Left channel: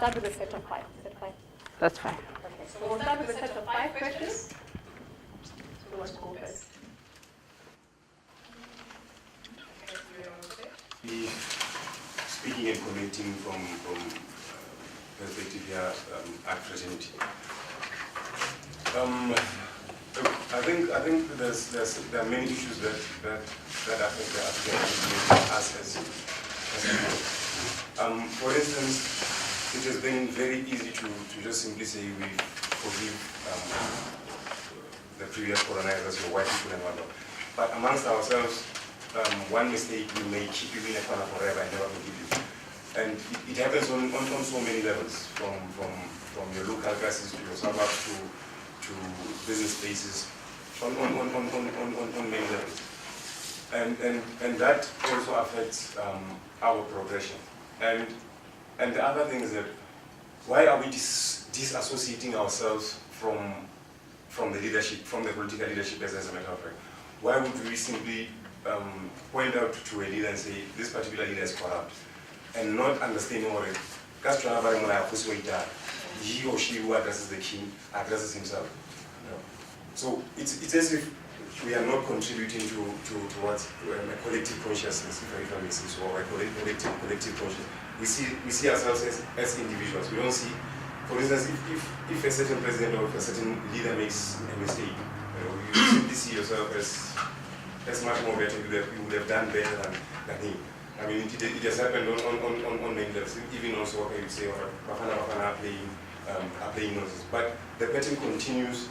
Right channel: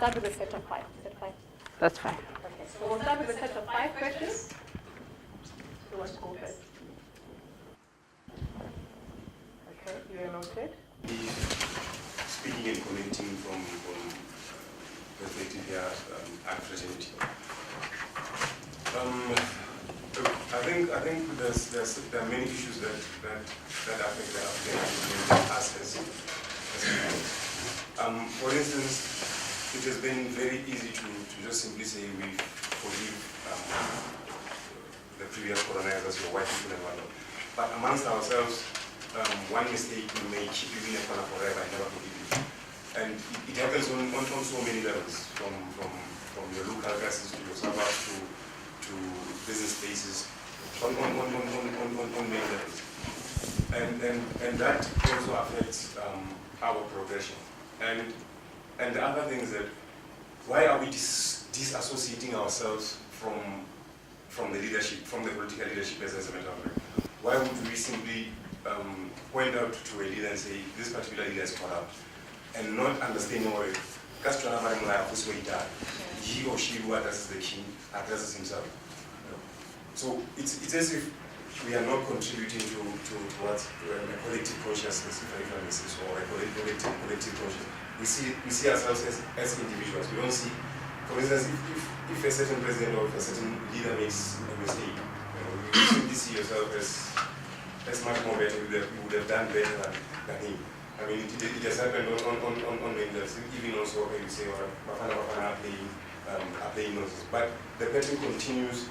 start with a set of 5. Is that fine? That's fine. Okay, so we'll start with a set of 5 questions. Who wants to go first? Okay, you're okay. Speaking and commenting from perspective here, uncertainty. I think there are many issues that affect the African us as for instance, it has been very easy to just simply say we forgive the previous colonizers or white people and whatnot. But amongst ourselves, one mistake we may keep you in a corner forever and never forgive you. And it happens on so many levels, from your local classes to your suburbs to business spaces, on many levels. And that also affects our progression. And the other thing is that why are we disassociating ourselves from the leadership, from the political leadership as a matter of fact? Why would we simply point out to a leader and say, this particular leader is corrupt, and not understanding what it is? He or she who addresses the king addresses himself. So it's as if we are not contributing towards a collective consciousness, if I may say so, or a collective consciousness. We see ourselves as individuals. We don't see, for instance, if a certain president or if a certain leader makes a mistake, you simply see yourself as much more better. You would have done better than him. I mean, it has happened on many levels. Even also, you say, Bafana are playing nonsense. But the pattern continues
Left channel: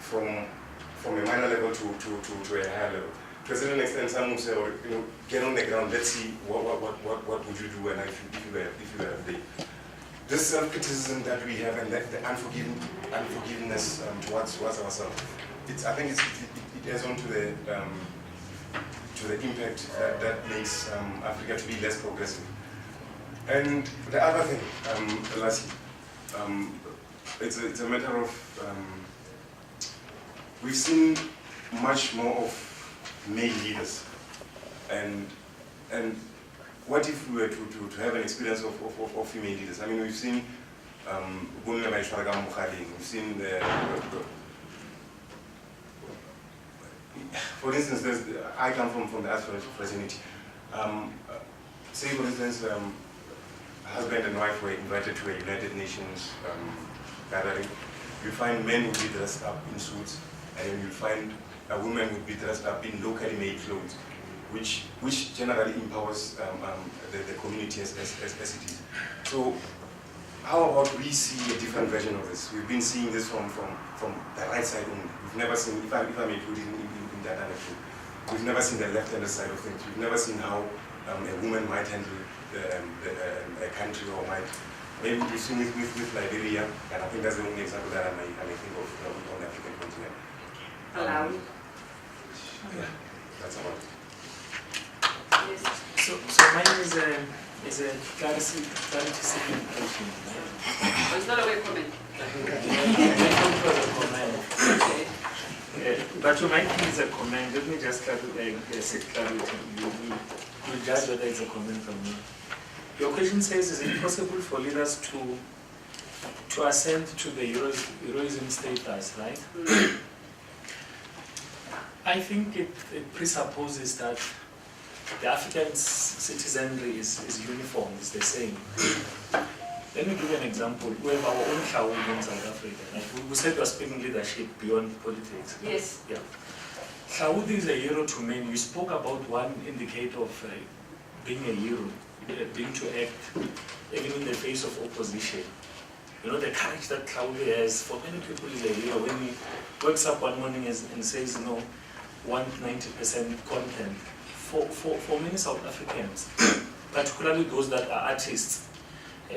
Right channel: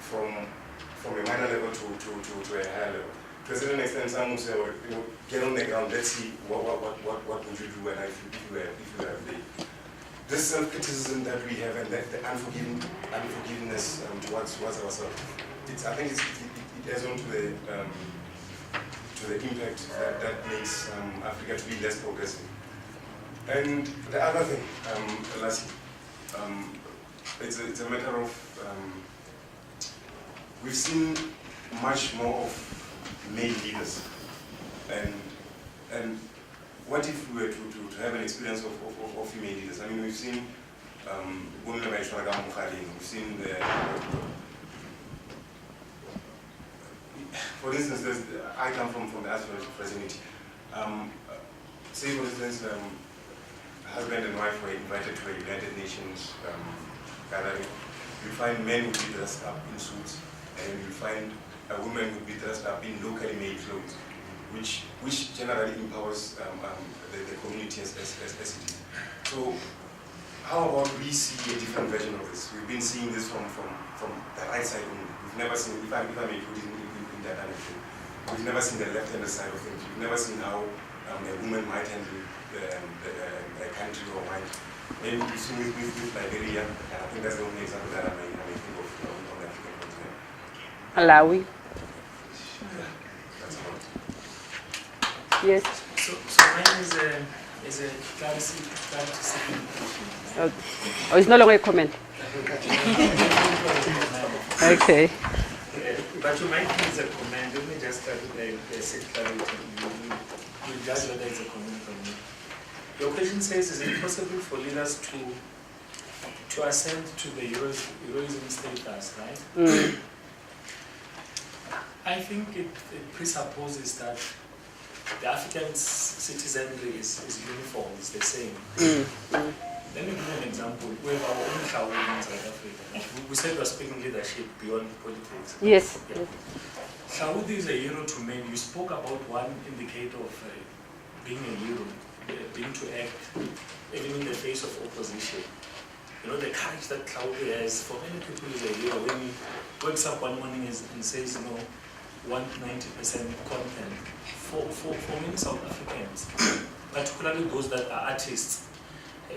from a minor level to a higher level. To a certain extent, some will say, get on the ground, let's see what would you do and if you were afraid. This self-criticism that we have and that the unforgiveness towards ourselves, I think it adds on to the impact that makes Africa to be less progressive. And the other thing, lastly, it's a matter of we've seen much more of male leaders, and what if we were to have an experience of female leaders? I mean, we've seen we've seen for instance, I come from the African fraternity. Say, for instance, husband and wife were invited to a United Nations gathering. You find men would be dressed up in suits, and you find a woman would be dressed up in locally made clothes, which generally empowers the community as it is. So how about we see a different version of this? We've been seeing this from the right side only. We've never seen, if I may put it in that anecdote, we've never seen the left-handed side of things. We've never seen how a woman might handle a country or might. Maybe we've seen it with Liberia, and I think that's the only example that I may think of on the African continent. Malawi. Yeah, that's about it. Yes. So mine is a clarity seeking question. Oh, it's no longer a comment. Okay. But to my thing is a comment. Let me just start with set clarity. You judge whether it's a comment from me. Your question says, is it possible for leaders to ascend to the heroism status, right? Mm. I think it presupposes that the African citizenry is uniform, is the same. Let me give you an example. We have our own Hlaudi in South Africa. Like we said we are speaking leadership beyond politics. Yes. Yeah. Hlaudi is a hero to many. You spoke about one indicator of being a hero, being to act even in the face of opposition. You know, the courage that Hlaudi has, for many people is a hero. When he wakes up one morning and says, 190% content. For many South Africans, particularly those that are artists,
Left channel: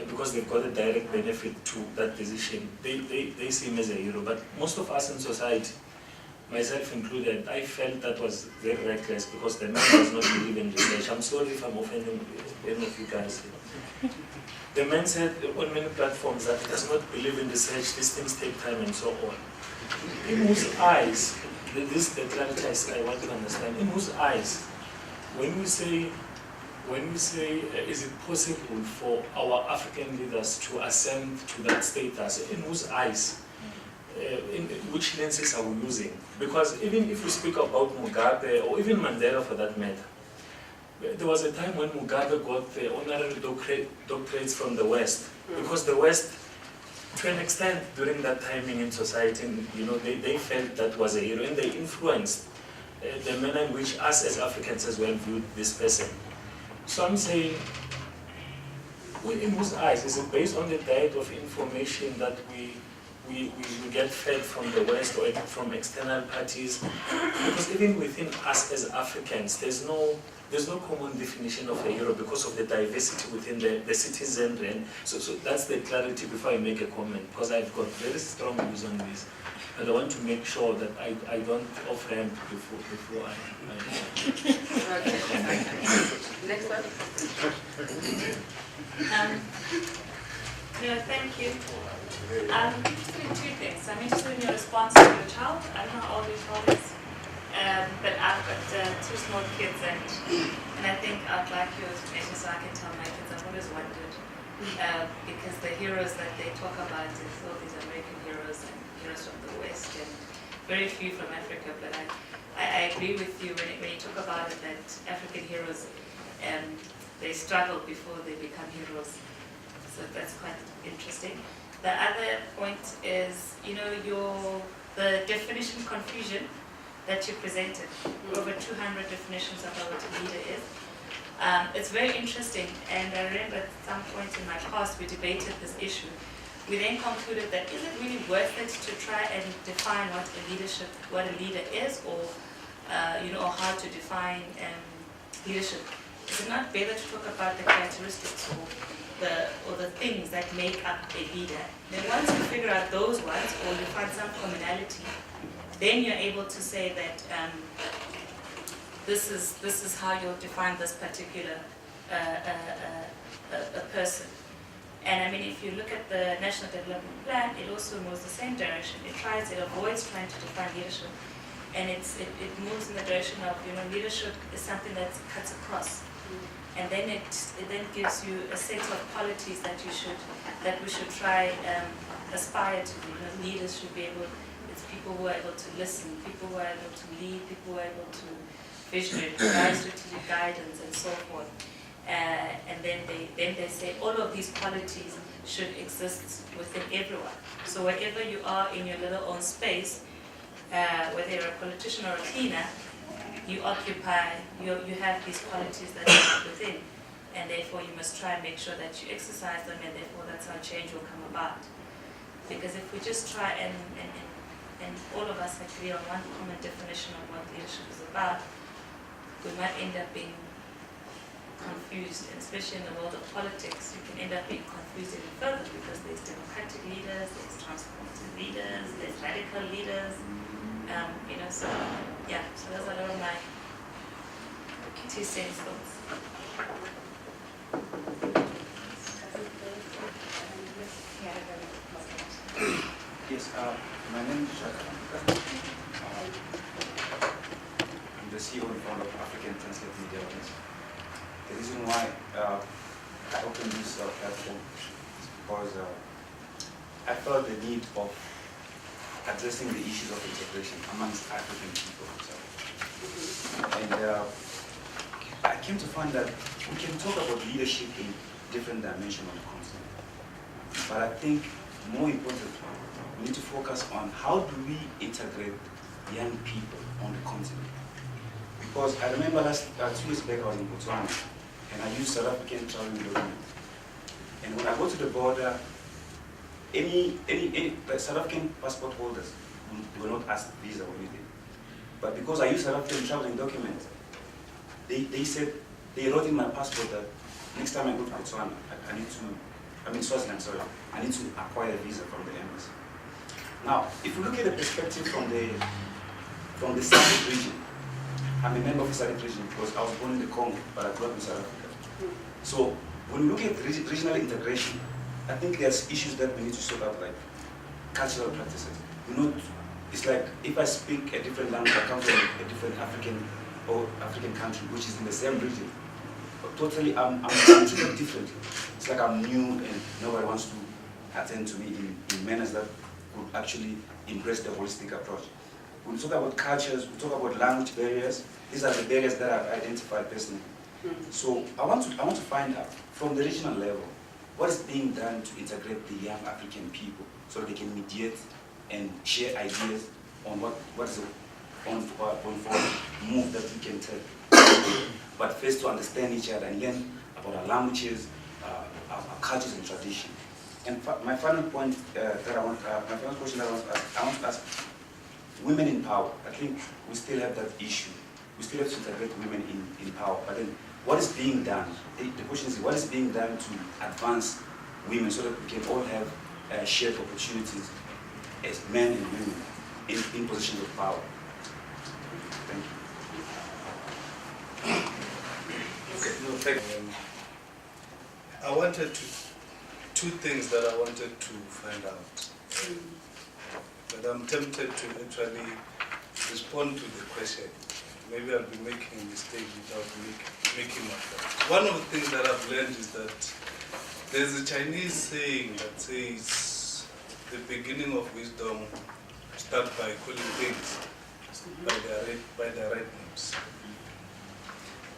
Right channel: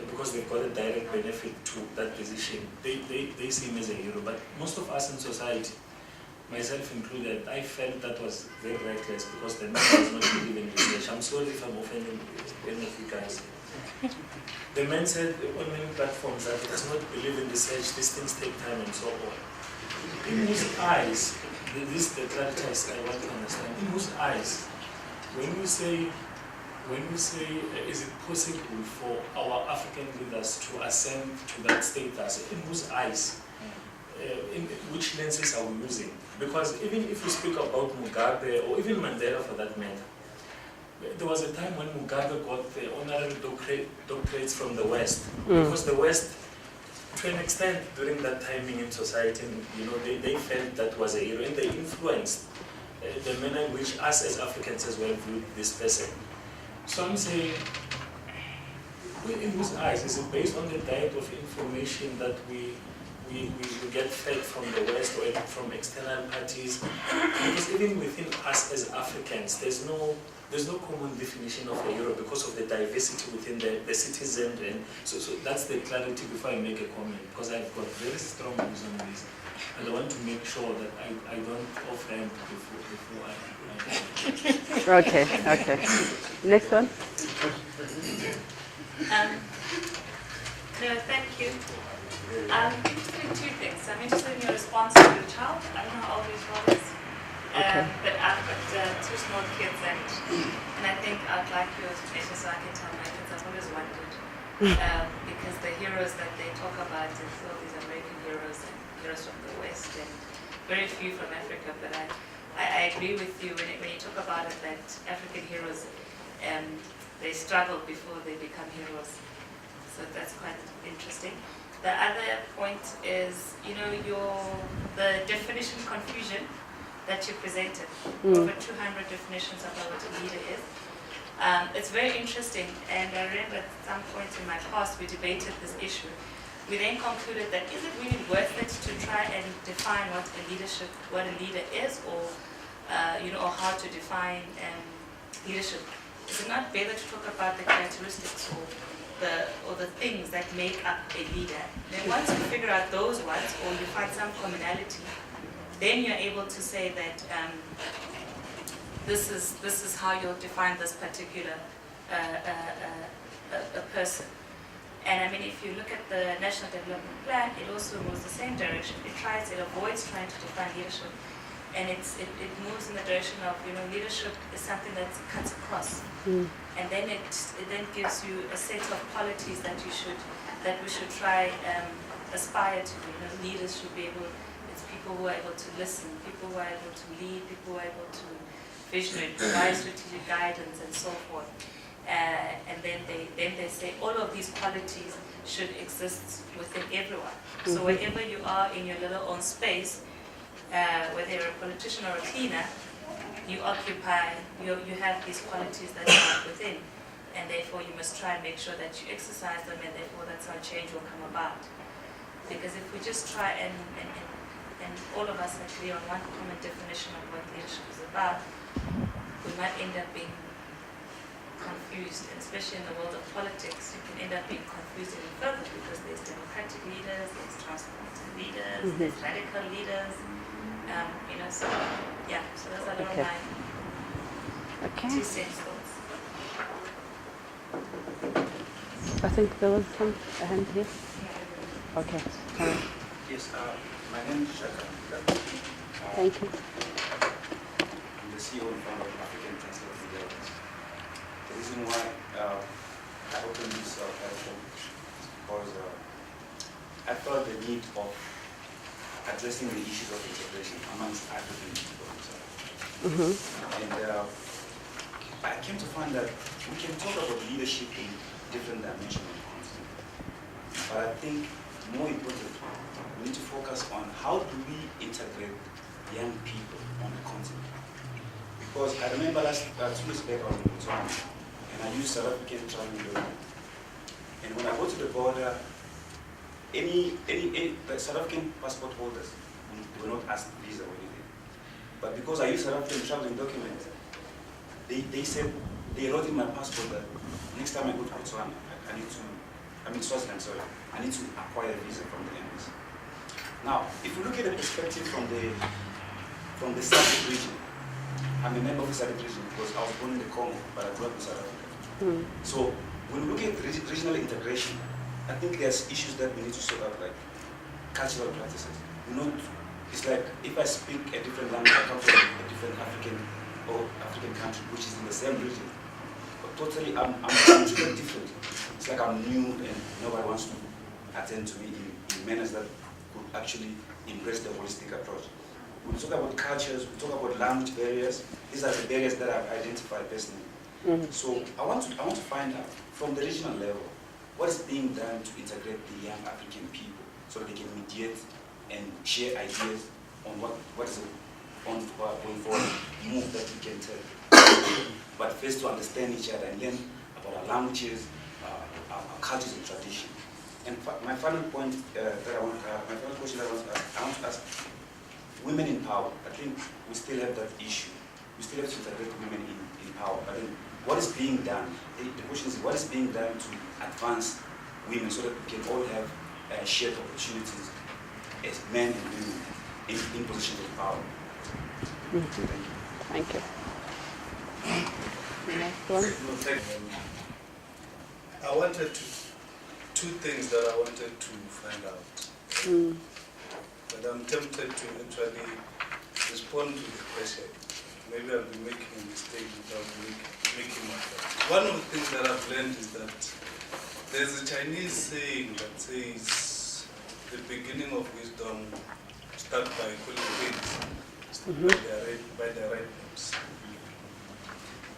because they've got a direct benefit to that decision, they see him as a hero. But most of us in society, myself included, I felt that was very reckless because the man does not believe in research. I'm sorry if I'm offending any of you guys. The man said on many platforms that he does not believe in research, these things take time and so on. In whose eyes, this is the clarity I want to understand, in whose eyes, when we say when you say, is it possible for our African leaders to ascend to that status, in whose eyes, in which lenses are we using? Because even if we speak about Mugabe, or even Mandela for that matter, there was a time when Mugabe got the honorary doctorates from the West, because the West, to an extent, during that timing in society, you know, they felt that was a hero, and they influenced the manner in which us as Africans as well viewed this person. So I'm saying, in whose eyes, is it based on the diet of information that we get fed from the West or from external parties? Because even within us as Africans, there's no common definition of a hero because of the diversity within the citizenry. And so that's the clarity before I make a comment, because I've got very strong views on this. And I want to make sure that I don't off-ramp before I Okay. Next one. No, thank you. I'm interested in two things. I'm interested in your response to your child. I don't know how old your child is, but I've got two small kids, and I think I'd like your explanation so I can tell my kids. I've always wondered, because the heroes that they talk about is all these American heroes and heroes from the West, and very few from Africa. But I agree with you when you talk about it, that African heroes, they struggle before they become heroes. So that's quite interesting. The other point is, you know, the definition confusion that you presented, over 200 definitions about what a leader is. It's very interesting, and I remember at some point in my past we debated this issue. We then concluded that is it really worth it to try and define what a leader is, or you know, or how to define leadership? Is it not better to talk about the characteristics or the things that make up a leader? Then once you figure out those ones, or you find some commonality, then you're able to say that this is how you'll define this particular a person. And I mean, if you look at the National Development Plan, it also moves the same direction. It avoids trying to define leadership, and it moves in the direction of, you know, leadership is something that cuts across. And then it then gives you a set of qualities that we should try aspire to. You know, leaders should be able. It's people who are able to listen, people who are able to lead, people who are able to visionary, provide strategic guidance, and so forth. And then they say all of these qualities should exist within everyone. So wherever you are in your little own space, whether you're a politician or a cleaner, you have these qualities that are within, and therefore you must try and make sure that you exercise them, and therefore that's how change will come about. Because if we just try and all of us are clear on one common definition of what leadership is about, we might end up being confused, and especially in the world of politics, you can end up being confused even further, because there's democratic leaders, there's transformative leaders, there's radical leaders, you know, so yeah, so those are all my 2 cents thoughts. I think there was a hand here. Okay. Yes, my name is Shaka. Thank you. I'm the CEO and founder of African Translate Media. The reason why I opened this platform is because I felt the need of addressing the issues of integration amongst African people. And I came to find that we can talk about leadership in different dimensions on the continent. But I think more importantly, we need to focus on how do we integrate young people on the continent. Because I remember 2 years back I was in Botswana, and I used South African traveling document. And when I go to the border, any South African passport holders, they were not asked visa or anything. But because I used South African traveling documents, they said, they wrote in my passport that next time I go to Botswana, Swaziland, I need to acquire a visa from the embassy. Now, if you look at the perspective from the SADC region, I'm a member of the SADC region because I was born in the Congo, but I grew up in South Africa. So when we look at regional integration, I think there's issues that we need to sort out, like cultural practices. It's like if I speak a different language, I come from a different African country, which is in the same region. totally, I'm treated differently. It's like I'm new and nobody wants to attend to me in manners that could actually embrace the holistic approach. When we talk about cultures, we talk about language barriers. These are the barriers that I've identified personally. So I want to find out from the regional level what is being done to integrate the young African people so that they can mediate and share ideas on what is going forward move that we can take. But first to understand each other and learn about our languages, our cultures and traditions. And my final point my final question that I want to ask, women in power. I think we still have that issue. We still have to integrate women in power. But then what is being done? The question is, what is being done to advance women so that we can all have shared opportunities as men and women in positions of power? Thank you. Thank you. No, thank you. I wanted two things that I wanted to find out. But I'm tempted to actually respond to the question. Maybe I'll be making a mistake without making my point. One of the things that I've learned is that there's a Chinese saying that says the beginning of wisdom starts by calling things by their right names.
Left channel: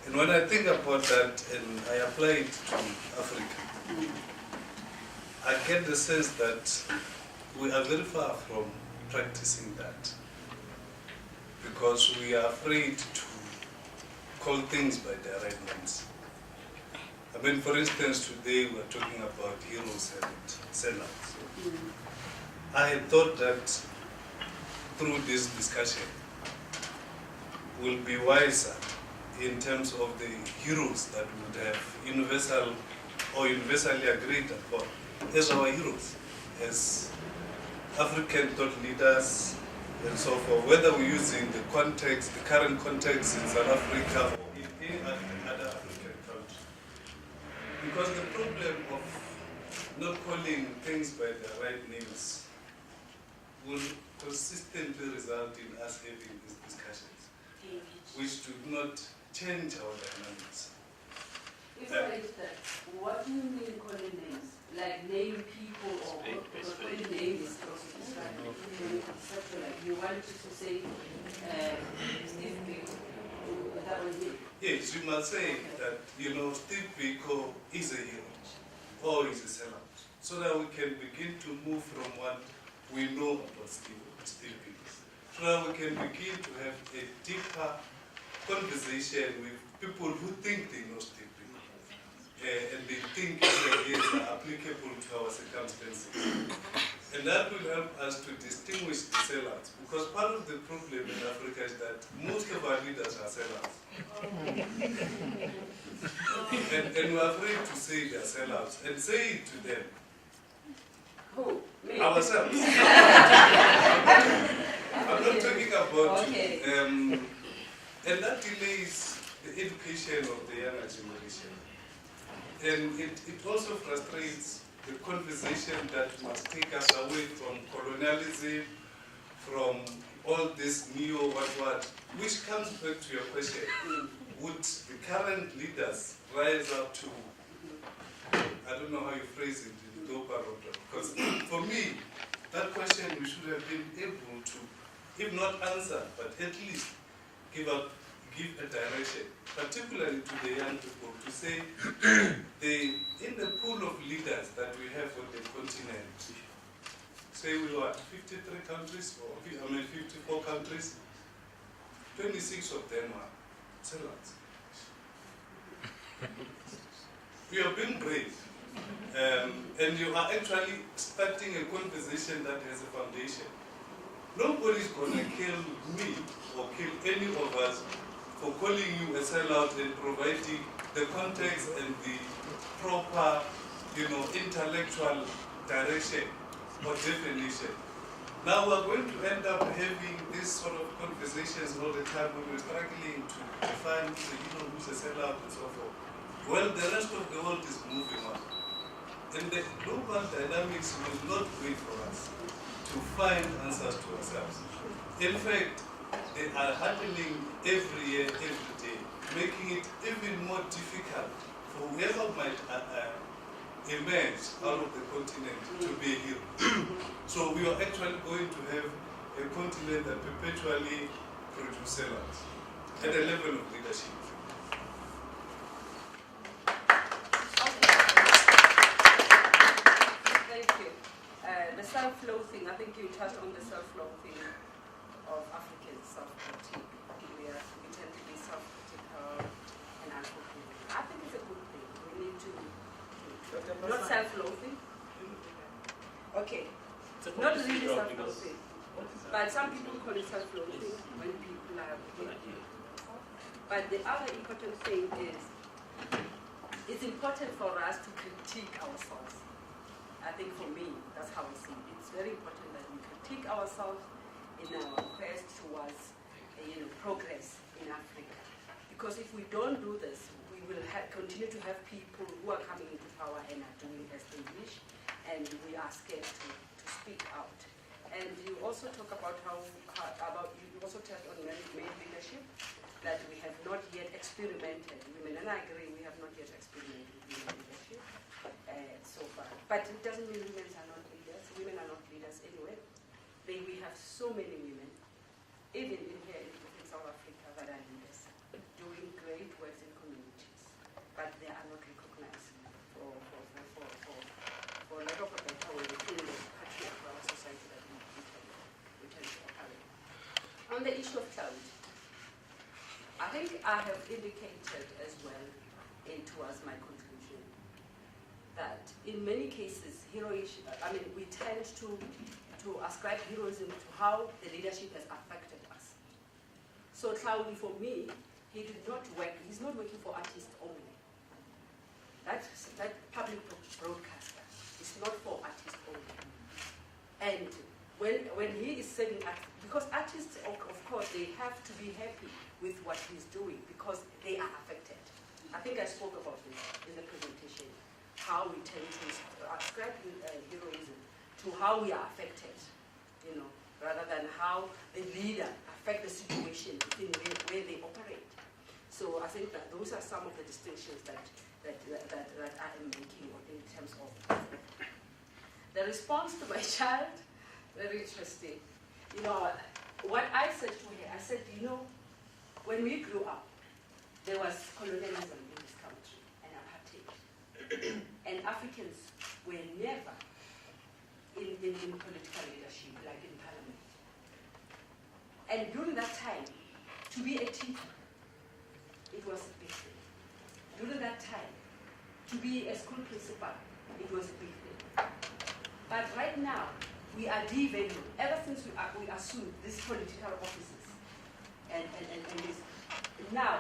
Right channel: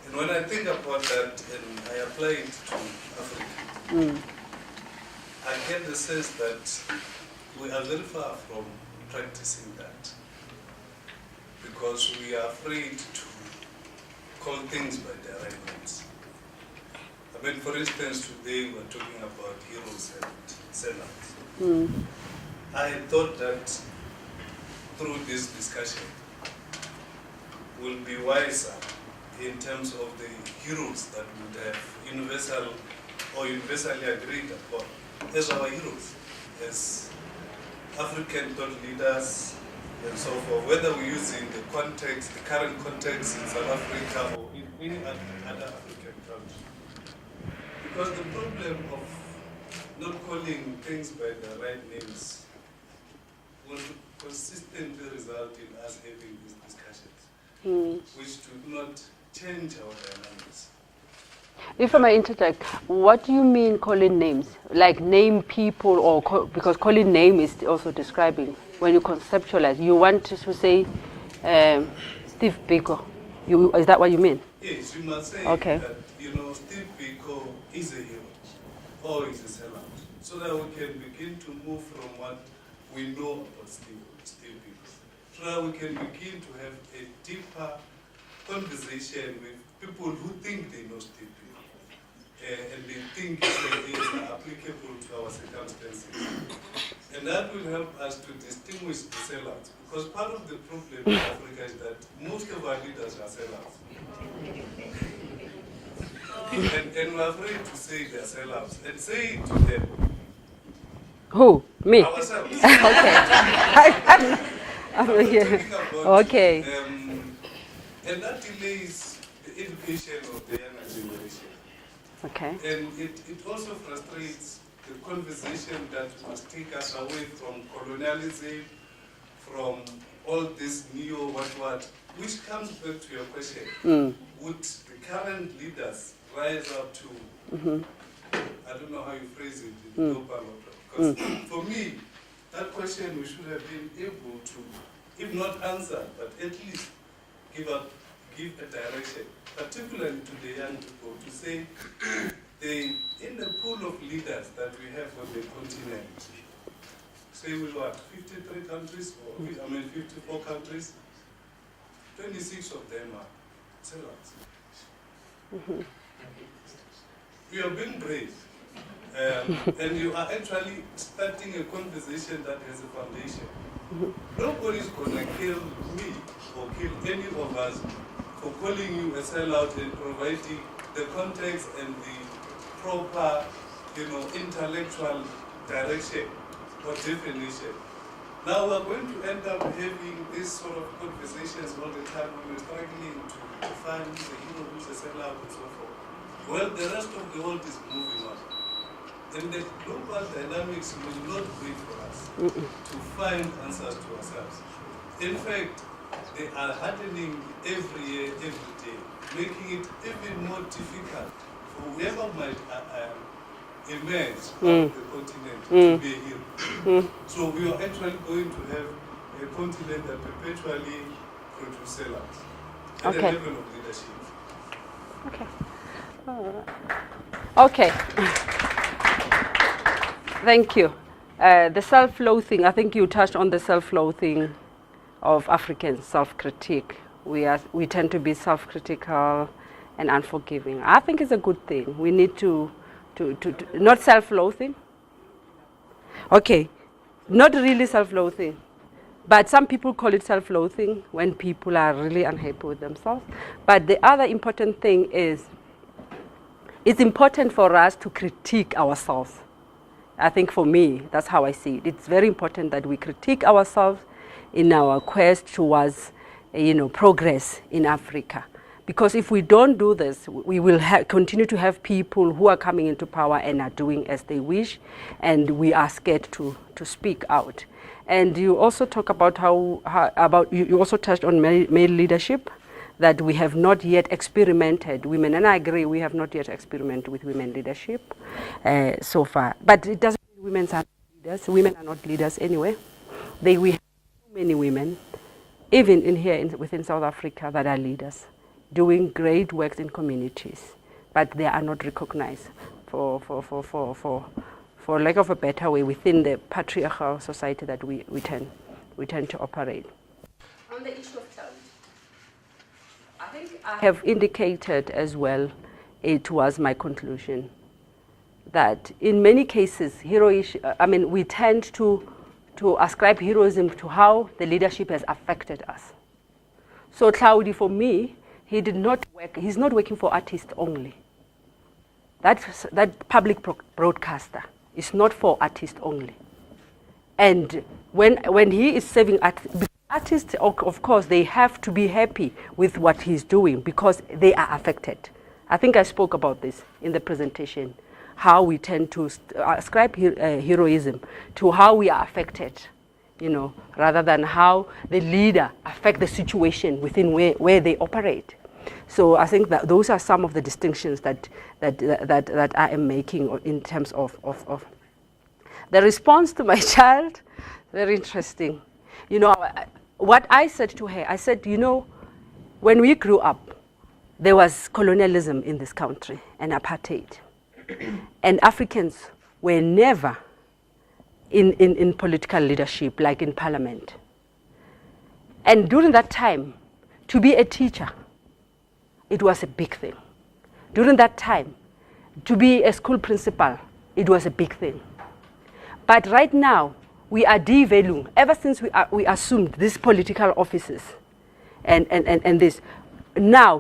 And when I think about that and I apply it to Africa, I get the sense that we are very far from practicing that because we are afraid to call things by their right names. I mean, for instance, today we're talking about heroes and sellouts. I had thought that through this discussion we'll be wiser in terms of the heroes that would have universally agreed upon as our heroes, as African thought leaders and so forth, whether we're using the context, the current context in South Africa or in any other African country. Because the problem of not calling things by their right names will consistently result in us having these discussions, which do not change our dynamics. If I may interject, what do you mean calling names? Like name people, or because calling name is also describing when you conceptualize. You want to say Steve Biko. Is that what you mean? Yes, you must say that Steve Biko is a hero or is a sellout, so that we can begin to move from what we know about Steve Biko, so that we can begin to have a deeper conversation with people who think they know Steve Biko. And they think it's applicable to our circumstances. And that will help us to distinguish the sellouts. Because part of the problem in Africa is that most of our leaders are sellouts. and we're afraid to say they're sellouts. And say it to them. Who? Me? Ourselves. I'm not talking about and that delays the education of the younger generation. Okay. And it also frustrates the conversation that must take us away from colonialism, from all this what, which comes back to your question. Would the current leaders rise up to, I don't know how you phrase it, in global order. Because for me, that question we should have been able to, if not answer, but at least give a direction, particularly to the young people, to say in the pool of leaders that we have on the continent, say we are 53 countries, or 54 countries, 26 of them are sellouts. We are being brave, and you are actually starting a conversation that has a foundation. Nobody's going to kill me or kill any of us for calling you a sellout and providing the context and the proper, intellectual direction or definition. Now we're going to end up having these sort of conversations all the time when we're struggling to define who's a hero, who's a sellout, and so forth. Well, the rest of the world is moving on. And the global dynamics will not wait for us to find answers to ourselves. In fact, they are happening every year, every day. making it even more difficult for whoever might emerge out of the continent to be a hero. So we are actually going to have a continent that perpetually produces sellouts at the level of leadership. Okay. Thank you. The self-loathing, I think you touched on the self-loathing of Africans, self-critique. We tend to be self-critical and unforgiving. I think it's a good thing. We need to not self-loathing. Okay, not really self-loathing. But some people call it self-loathing when people are really unhappy with themselves. But the other important thing is it's important for us to critique ourselves. I think for me, that's how I see it. It's very important that we critique ourselves in our quest towards, progress in Africa. Because if we don't do this, we will continue to have people who are coming into power and are doing as they wish, and we are scared to speak out. And you also talk about you also touched on male leadership, that we have not yet experimented women, and I agree, we have not yet experimented with women leadership so far. But it doesn't mean women are not leaders. Women are not leaders anyway. We have so many women, even within South Africa, that are leaders, doing great work in communities, but they are not recognized for lack of a better way within the patriarchal society that we tend to operate. On the issue of talent, I think I have indicated as well, towards my conclusion, that in many cases, we tend to ascribe heroism to how the leadership has affected us. So Claudi, for me, he's not working for artists only. That public broadcaster is not for artists only. And when he is serving because artists, of course, they have to be happy with what he's doing because they are affected. I think I spoke about this in the presentation, how we tend to ascribe heroism to how we are affected, rather than how the leader affects the situation within where they operate. So I think that those are some of the distinctions that I am making in terms of the response to my child. Very interesting. What I said to her, I said, when we grew up, there was colonialism in this country and apartheid. And Africans were never in political leadership, like in parliament. And during that time, to be a teacher, it was a big thing. During that time, to be a school principal, it was a big thing. But right now, we are devaluing, ever since we assumed these political offices and this. Now,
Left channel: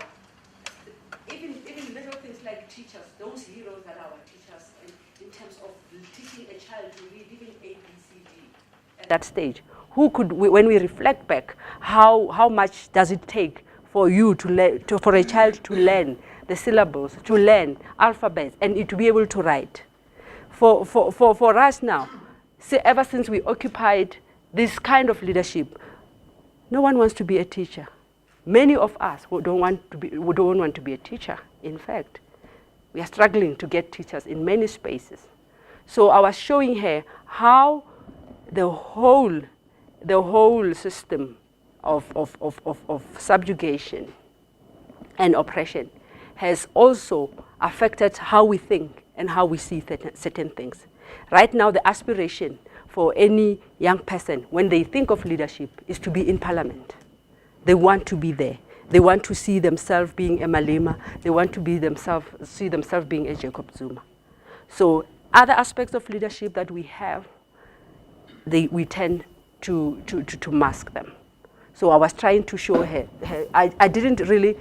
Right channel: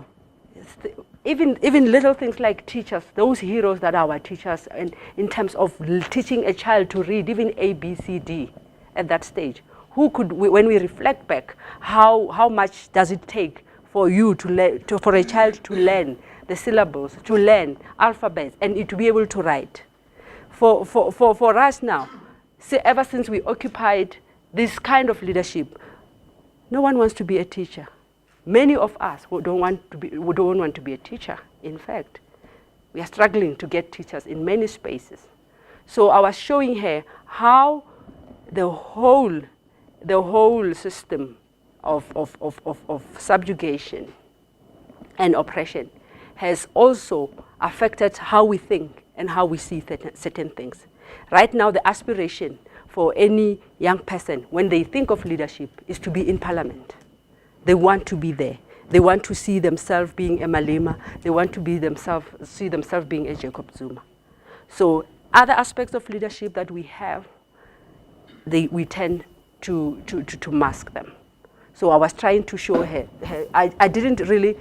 even little things like teachers, those heroes that are our teachers, and in terms of teaching a child to read, even A, B, C, D, at that stage, when we reflect back, how much does it take for you for a child to learn the syllables, to learn alphabets, and to be able to write? For us now, ever since we occupied this kind of leadership, no one wants to be a teacher. Many of us don't want to be a teacher. In fact, we are struggling to get teachers in many spaces. So I was showing her how the whole system of subjugation and oppression has also affected how we think and how we see certain things. Right now, the aspiration for any young person, when they think of leadership, is to be in parliament. They want to be there. They want to see themselves being a Malema. They want to see themselves being a Jacob Zuma. So other aspects of leadership that we have, we tend to mask them. So I was trying to show her. I didn't really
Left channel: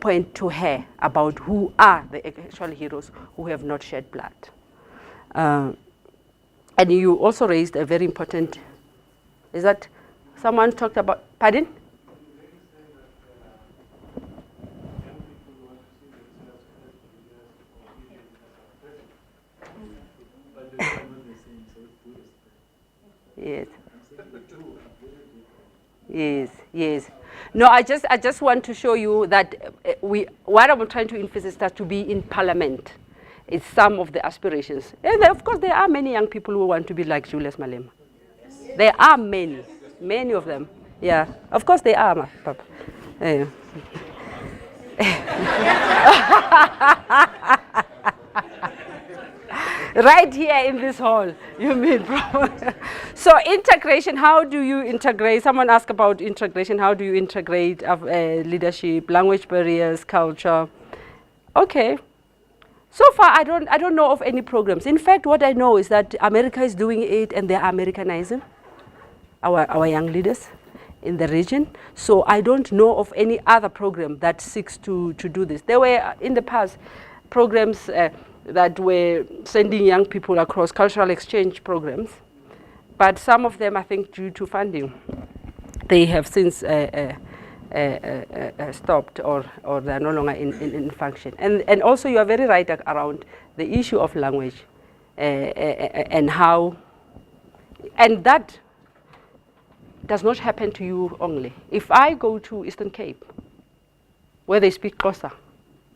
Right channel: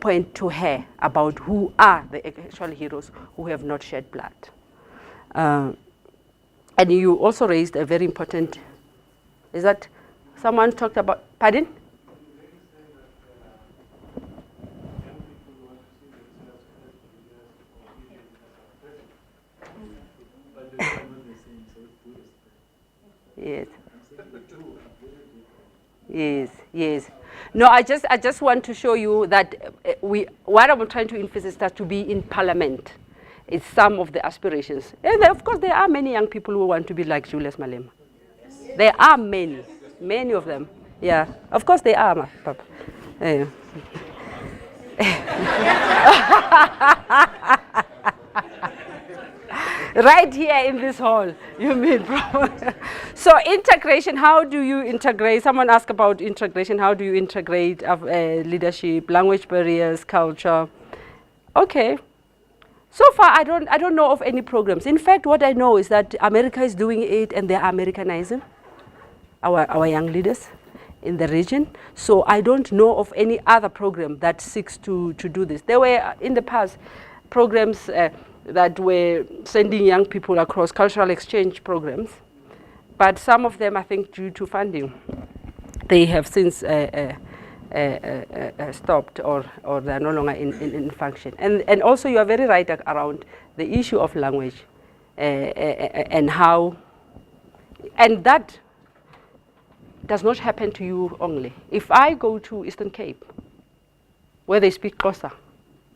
point to her about who are the actual heroes who have not shed blood. And you also raised a very important, is that someone talked about, pardon? Yes. Yes. No, I just want to show you that what I'm trying to emphasize is that to be in parliament is some of the aspirations. And of course, there are many young people who want to be like Julius Malema. There are many of them. Yeah, of course they are, Papa. Right here in this hall, you mean? So integration, how do you integrate? Someone asked about integration. How do you integrate leadership, language barriers, culture? Okay. So far, I don't know of any programs. In fact, what I know is that America is doing it, and they're Americanizing our young leaders in the region. So I don't know of any other program that seeks to do this. There were in the past programs that were sending young people across cultural exchange programs, but some of them, I think, due to funding, they have since stopped or they're no longer in function. And also you are very right around the issue of language and how, and that does not happen to you only. If I go to Eastern Cape, where they speak Xhosa,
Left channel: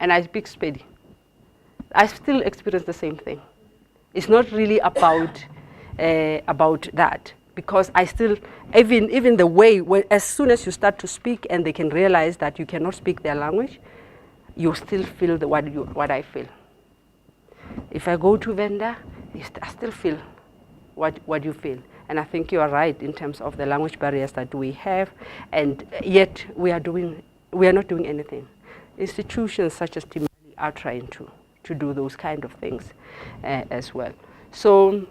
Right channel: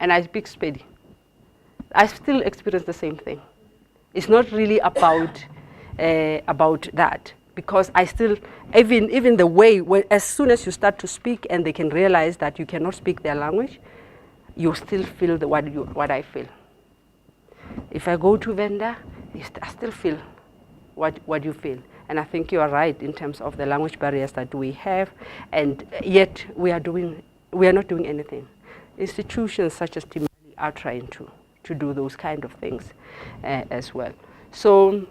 and I speak Sepedi, I still experience the same thing. It's not really about that, because I still, even the way, as soon as you start to speak and they can realize that you cannot speak their language, you still feel what I feel. If I go to Venda, I still feel what you feel. And I think you are right in terms of the language barriers that we have, and yet we are not doing anything. Institutions such as Timali are trying to do those kind of things as well. So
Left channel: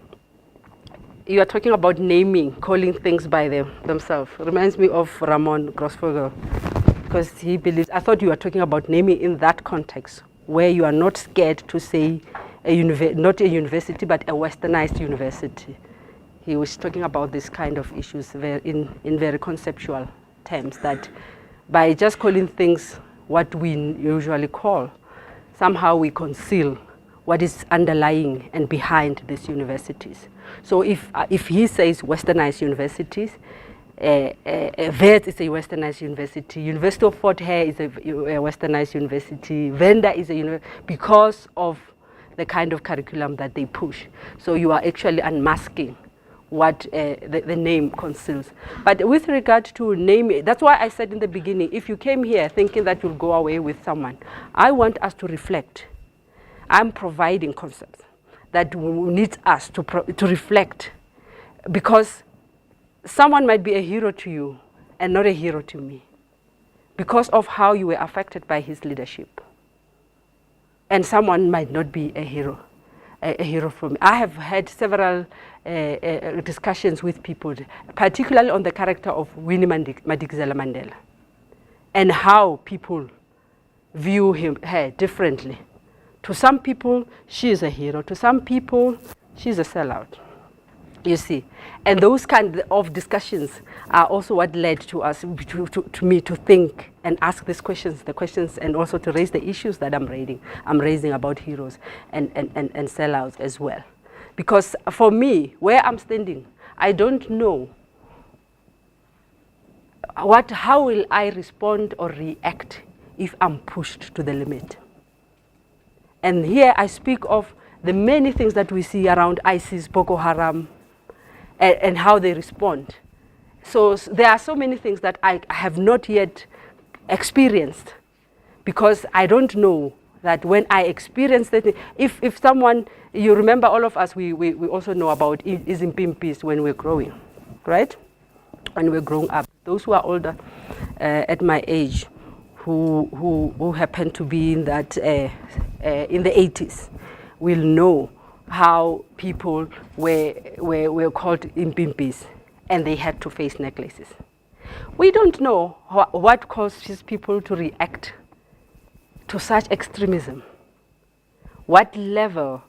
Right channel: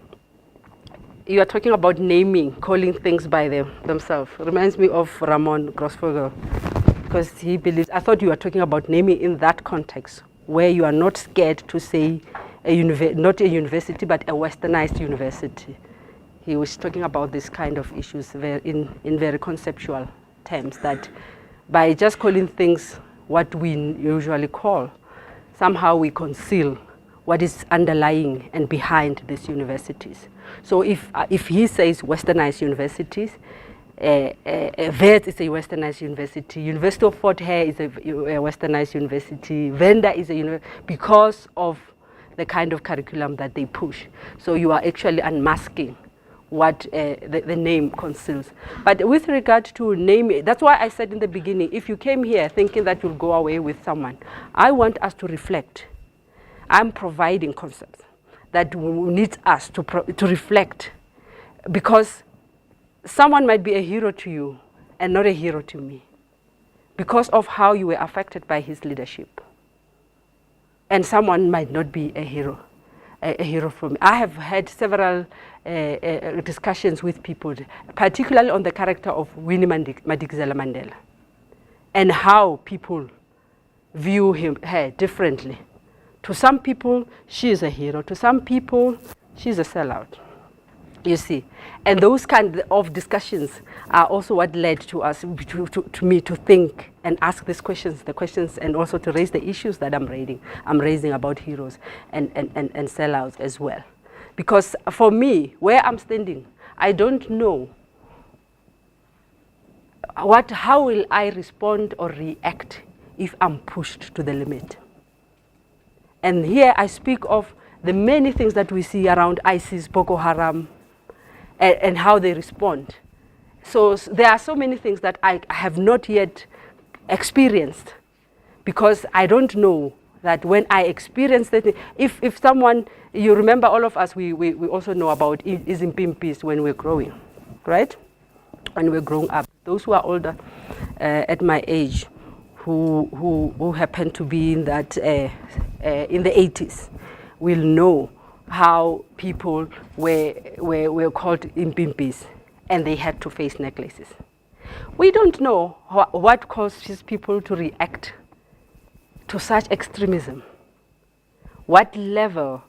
you are talking about naming, calling things by themselves. Reminds me of Ramon Grossvogel, because he believes, I thought you were talking about naming in that context, where you are not scared to say not a university, but a westernized university. He was talking about this kind of issues in very conceptual terms, that by just calling things what we usually call, somehow we conceal what is underlying and behind these universities. So if he says westernized universities, Wits is a westernized university, University of Fort Hare is a westernized university, Venda is a university, because of the kind of curriculum that they push. So you are actually unmasking what the name conceals. But with regard to naming, that's why I said in the beginning, if you came here thinking that you'll go away with someone, I want us to reflect. I'm providing concepts that need us to reflect, because someone might be a hero to you and not a hero to me because of how you were affected by his leadership. And someone might not be a hero for me. I have had several discussions with people, particularly on the character of Winnie Madikizela Mandela and how people view her differently. To some people, she is a hero. To some people, she's a sellout. You see, and those kind of discussions are also what led to us, to me, to think and ask the questions, and also to raise the issues that I'm raising about heroes and sellouts as well. Because for me, where I'm standing, I don't know how will I respond or react if I'm pushed to the limit. And here I speak of the many things that we see around ISIS, Boko Haram, and how they respond. So there are so many things that I have not yet experienced, because I don't know that when I experience that, if someone, you remember all of us, we also know about Izimpimpis when we're growing, right? When we're growing up. Those who are older at my age, who happen to be in that in the 80s, will know how people were called impimpis and they had to face necklaces. We don't know what causes people to react to such extremism. What level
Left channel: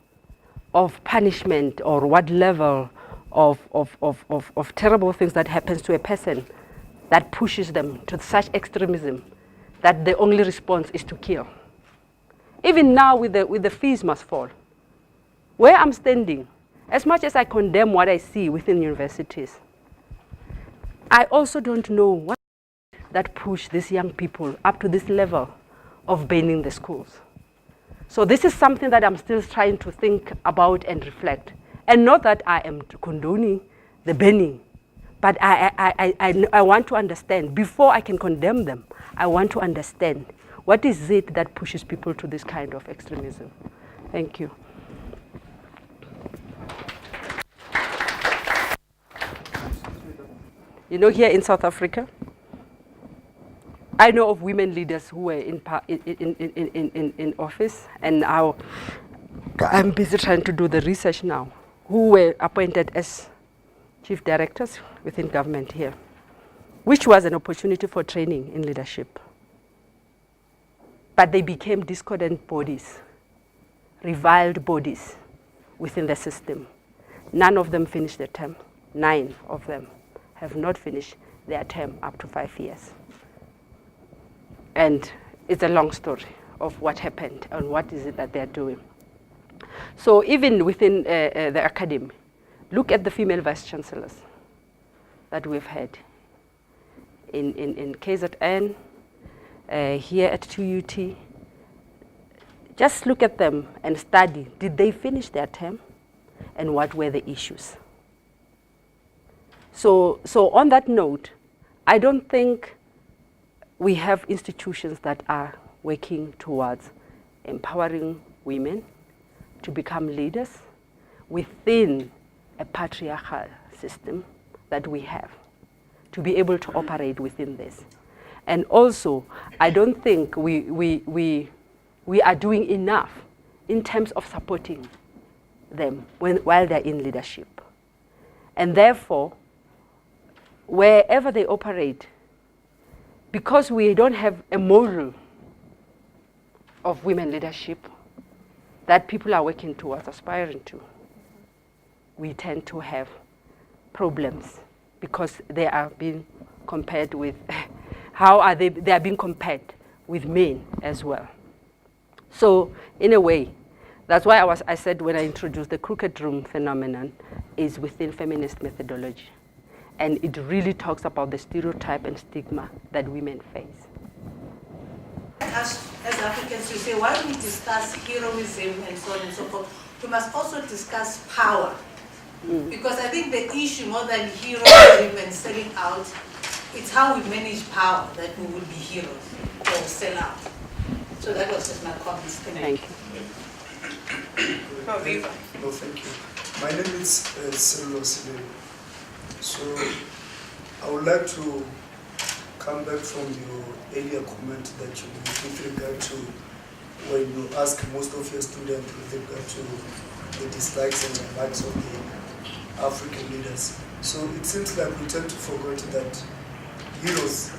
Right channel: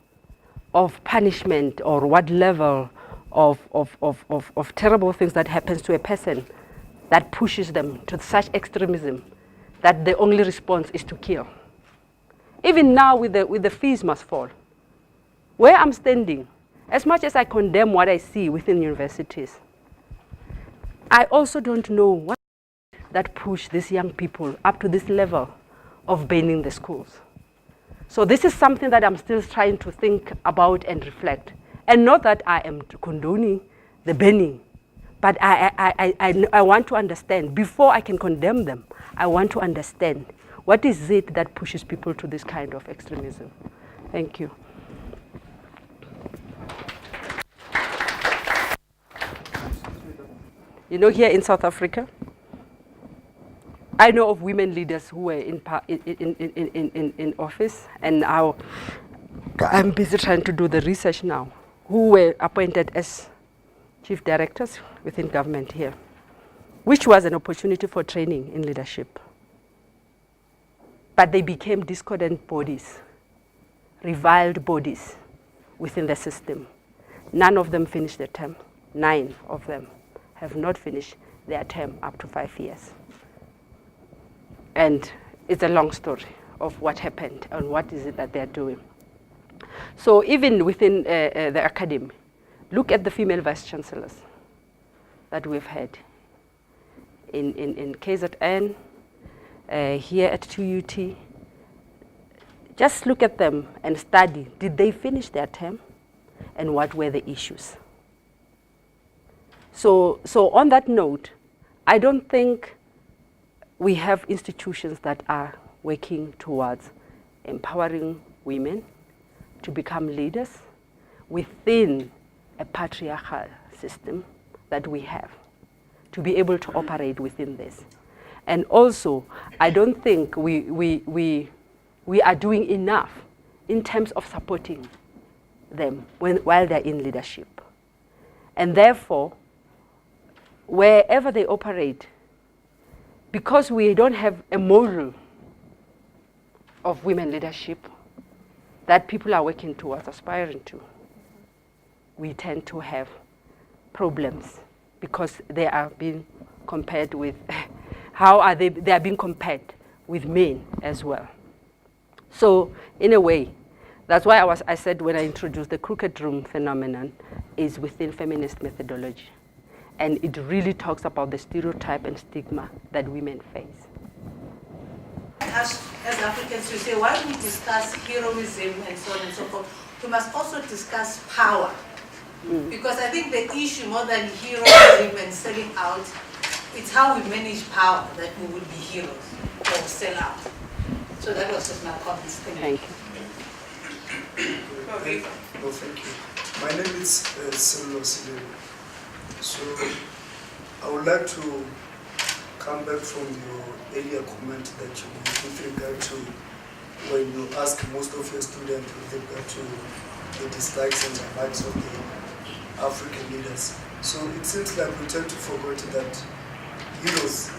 of punishment or what level of terrible things that happens to a person that pushes them to such extremism that the only response is to kill. Even now with the fees must fall. Where I'm standing, as much as I condemn what I see within universities, I also don't know what that push these young people up to this level of banning the schools? So this is something that I'm still trying to think about and reflect. And not that I am condoning the banning, but I want to understand, before I can condemn them, I want to understand what is it that pushes people to this kind of extremism. Thank you. You know, here in South Africa, I know of women leaders who were in office, and now I'm busy trying to do the research now, who were appointed as chief directors within government here, which was an opportunity for training in leadership. But they became discordant bodies, reviled bodies within the system. None of them finished their term. 9 of them have not finished their term up to 5 years. And it's a long story of what happened and what is it that they're doing. So even within the academy, look at the female vice chancellors that we've had in KZN, here at 2UT. Just look at them and study. Did they finish their term? And what were the issues? So on that note, I don't think we have institutions that are working towards empowering women to become leaders within a patriarchal system that we have, to be able to operate within this. And also, I don't think we are doing enough in terms of supporting them while they're in leadership. And therefore, wherever they operate, because we don't have a model of women leadership that people are working towards, aspiring to, we tend to have problems because they are being compared with, how are they are being compared with men as well. So in a way, that's why I said when I introduced the crooked room phenomenon is within feminist methodology. And it really talks about the stereotype and stigma that women face. As Africans, we say, while we discuss heroism and so on and so forth, we must also discuss power. Because I think the issue more than heroism and selling out, it's how we manage power that we will be heroes or sell out. So that was just my comments. Thank you. No, thank you. My name is Cyril Osile. So I would like to come back from your earlier comment that you made with regard to when you ask most of your students with regard to the dislikes and the likes of the African leaders. So it seems like we tend to forget that heroes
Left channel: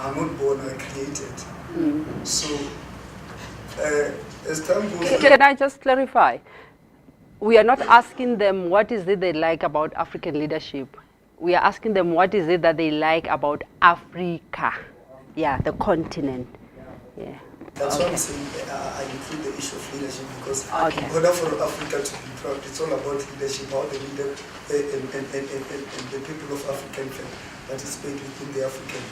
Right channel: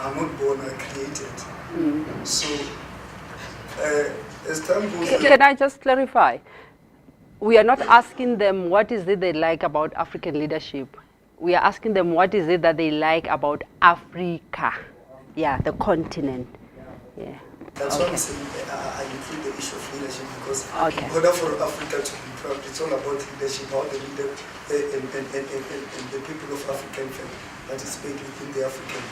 are not born, are created. So as time goes on... Can I just clarify? We are not asking them what is it they like about African leadership. We are asking them what is it that they like about Africa. Yeah, the continent. Yeah. That's why I'm saying I include the issue of leadership because in order for Africa to be proud, it's all about leadership, how the leader and the people of Africa can participate within the African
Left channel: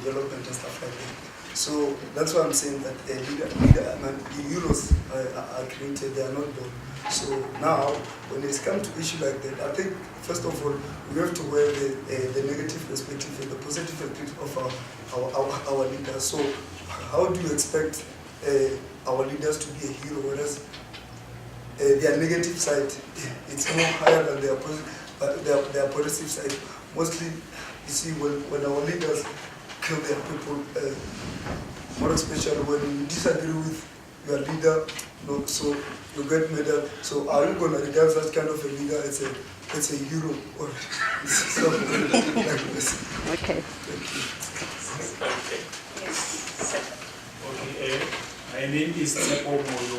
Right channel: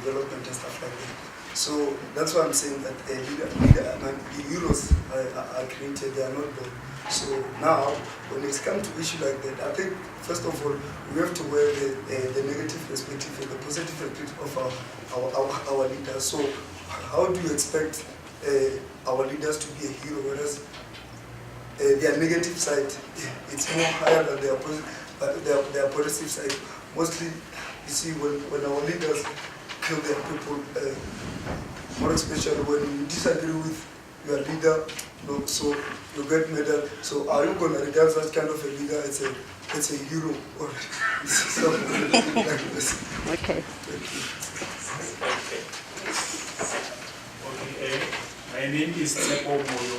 development and stuff like that. So that's why I'm saying that the Euros are created, they are not born. So now, when it's come to issue like that, I think, first of all, we have to wear the negative perspective and the positive perspective of our leaders. So how do you expect our leaders to be a hero, whereas their negative side, it's more higher than their positive side. Mostly, you see, when our leaders kill their people, more especially when you disagree with your leader, so you get medal. So are you going to regard such kind of a leader as a hero or something like this? Okay. Okay, my name is Tsepo Moyo,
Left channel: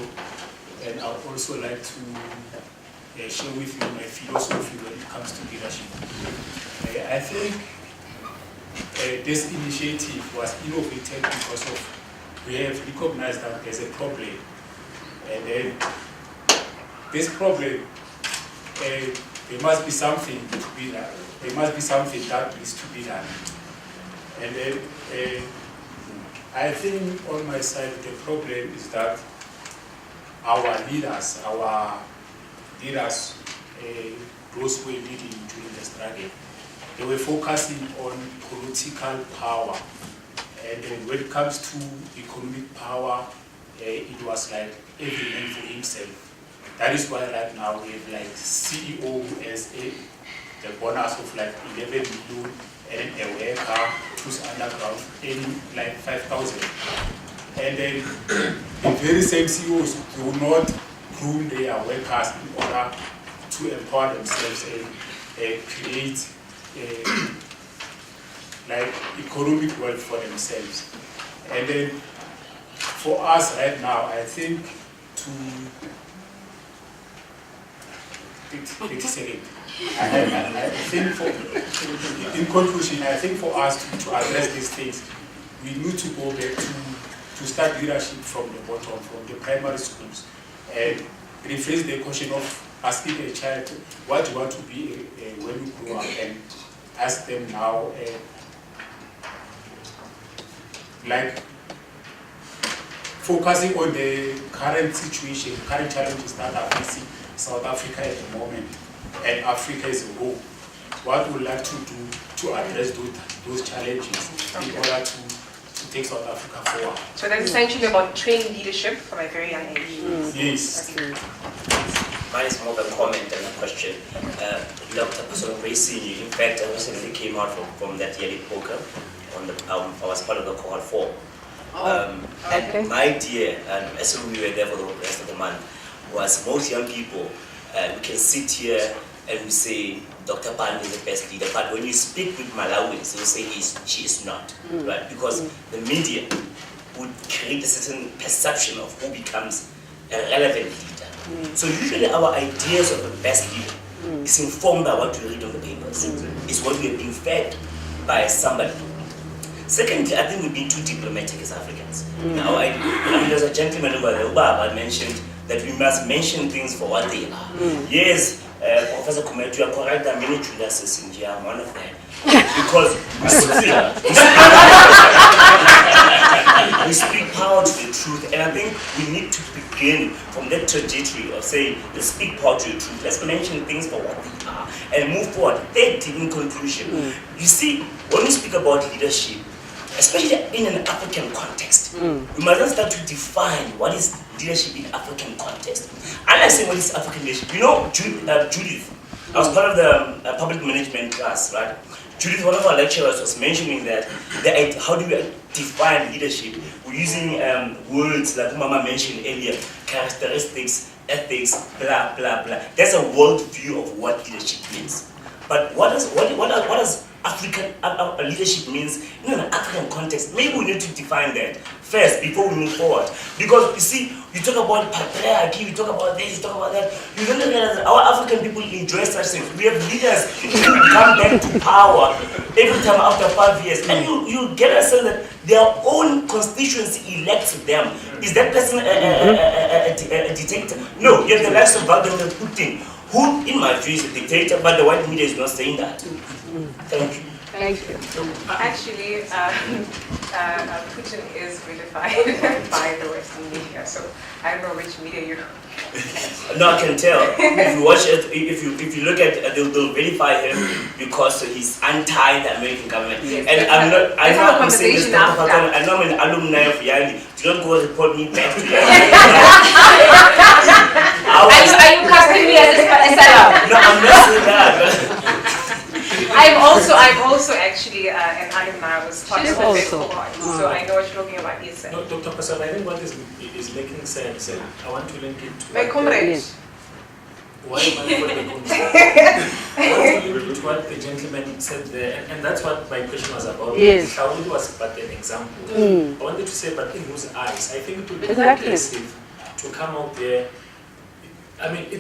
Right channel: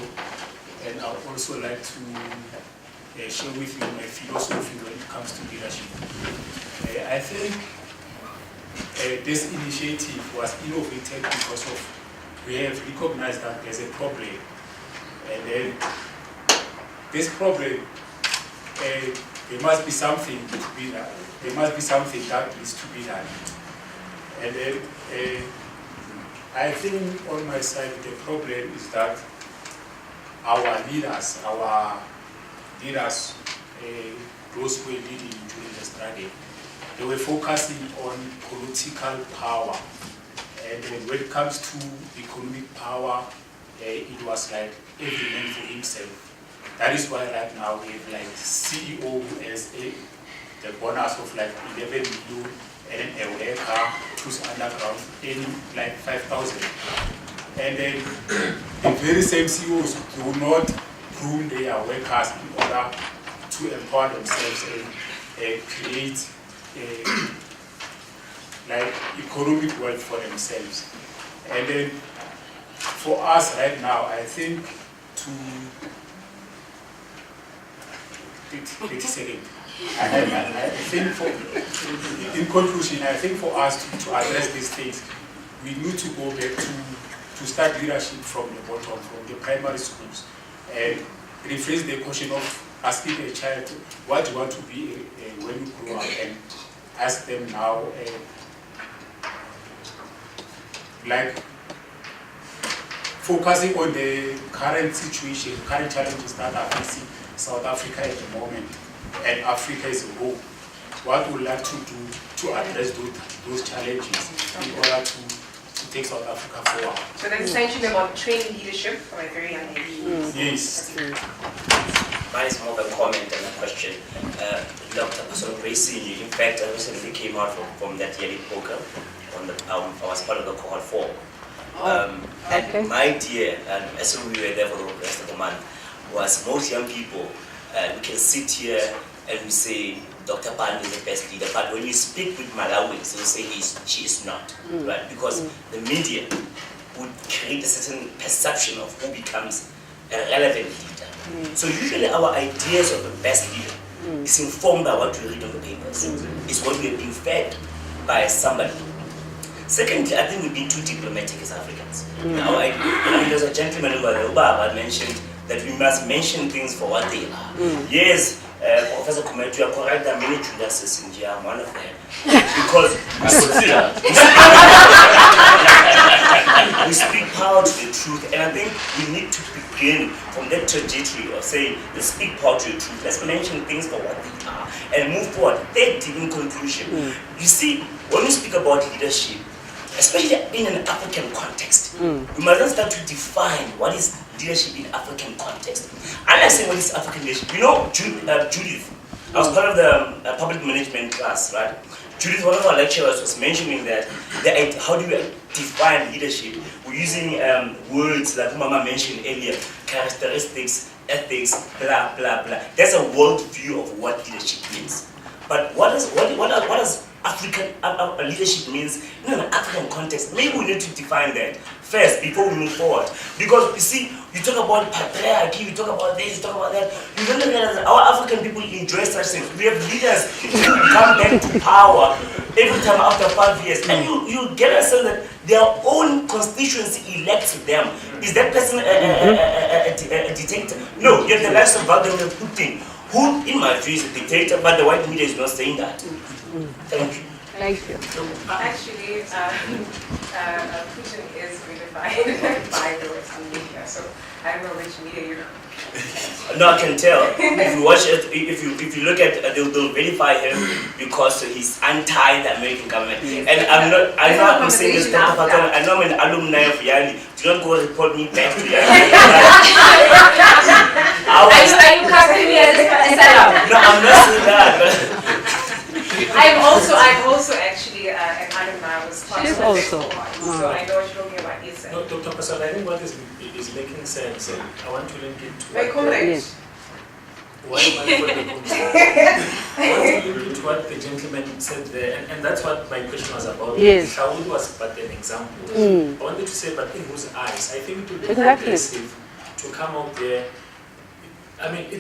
and I would also like to share with you my philosophy when it comes to leadership. I think this initiative was innovated because we have recognized that there's a problem, and then this problem, there must be something to be done. There must be something that needs to be done. And then I think on my side the problem is that our leaders, those who were leading during the struggle, they were focusing on political power. And when it comes to economic power, it was like every man for himself. That is why right now we have like CEO as the bonus of like 11 million and a worker who's underground in like 5,000. And then the very same CEOs do not groom their workers in order to empower themselves and create like economic wealth for themselves. And then for us right now, I think in conclusion, I think for us to address these things, we need to go back to start leadership from the bottom, from the primary schools, and rephrase the question of asking a child, what do you want to be when you grow up, and ask them now, like focusing on the current situation, current challenges that are facing South Africa at the moment, and Africa as a whole. What we would like to do to address those challenges in order to take South Africa forward. So that's essentially about training leadership from a very young age. Yes. Mine is more of a comment than a question. Dr. Pastor Gracie, in fact, I recently came out from that yearly program. I was part of the cohort 4. And my idea, as we were there for the rest of the month, was most young people, we can sit here and we say, Dr. Pan is the best leader, but when you speak with Malawis, they will say she is not, right? Because the media would create a certain perception of who becomes a relevant leader. So usually our ideas of the best leader is informed by what we read on the papers. It's what we are being fed by somebody. Secondly, I think we've been too diplomatic as Africans. Now, I mean, there's a gentleman over there, Ubaba, mentioned that we must mention things for what they are. Yes, Professor Kumetu, you are correct, there are many Judases in here, I'm one of them. Because we speak power to the truth, and I think we need to begin from that trajectory of saying, let's speak power to the truth, let's mention things for what they are, and move forward. Thirdly, in conclusion, you see, when we speak about leadership, especially in an African context, we must start to define what is leadership in African context. I like saying what is African leadership. You know, Judith, I was part of the public management class, right? Judith, one of our lecturers, was mentioning that how do we define leadership? We're using words like Mama mentioned earlier, characteristics, ethics, blah, blah, blah. That's a world view of what leadership means. But what does African leadership means in an African context? Maybe we need to define that first before we move forward. Because you see, you talk about patriarchy, you talk about this, you talk about that. You don't realize that our African people enjoy such things. We have leaders who come back to power every time after 5 years. And you get a sense that their own constituency elects them. Is that person a dictator? No, you have the likes of Vladimir Putin, who, in my view, is a dictator, but the white media is not saying that. Thank you. Thank you. Actually, Putin is redefined by the Western media, so I don't know which media you're. No, I can tell. If you watch it, if you look at, they'll verify him because he's anti the American government. Yes, and I'm saying this. I know I'm an alumni of Yali. Do not go report me back to Yali. Are you casting me as a seller? No, I'm not saying that. I'm also actually an alumni. I was part of the so I know what you're talking about. Yes, no, Dr. Pasal, I think what is making sense, and I want to link it to my comrades. Why am I to what the gentleman said there, and that's what my question was about. Yes. Shaul was but an example. I wanted to say, but in whose eyes? I think it would be aggressive to come out there. I mean, we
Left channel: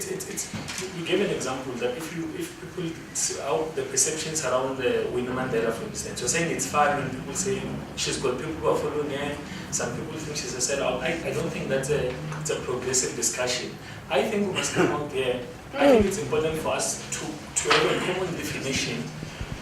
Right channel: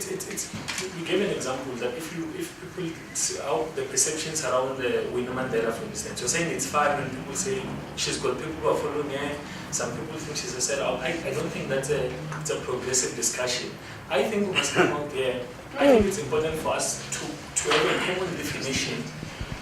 gave an example that if people, the perceptions around the Winnie Mandela, for instance, you're saying it's fine when people say she's got people who are following her, some people think she's a sellout. I don't think it's a progressive discussion. I think we must come out there. I think it's important for us to have a common definition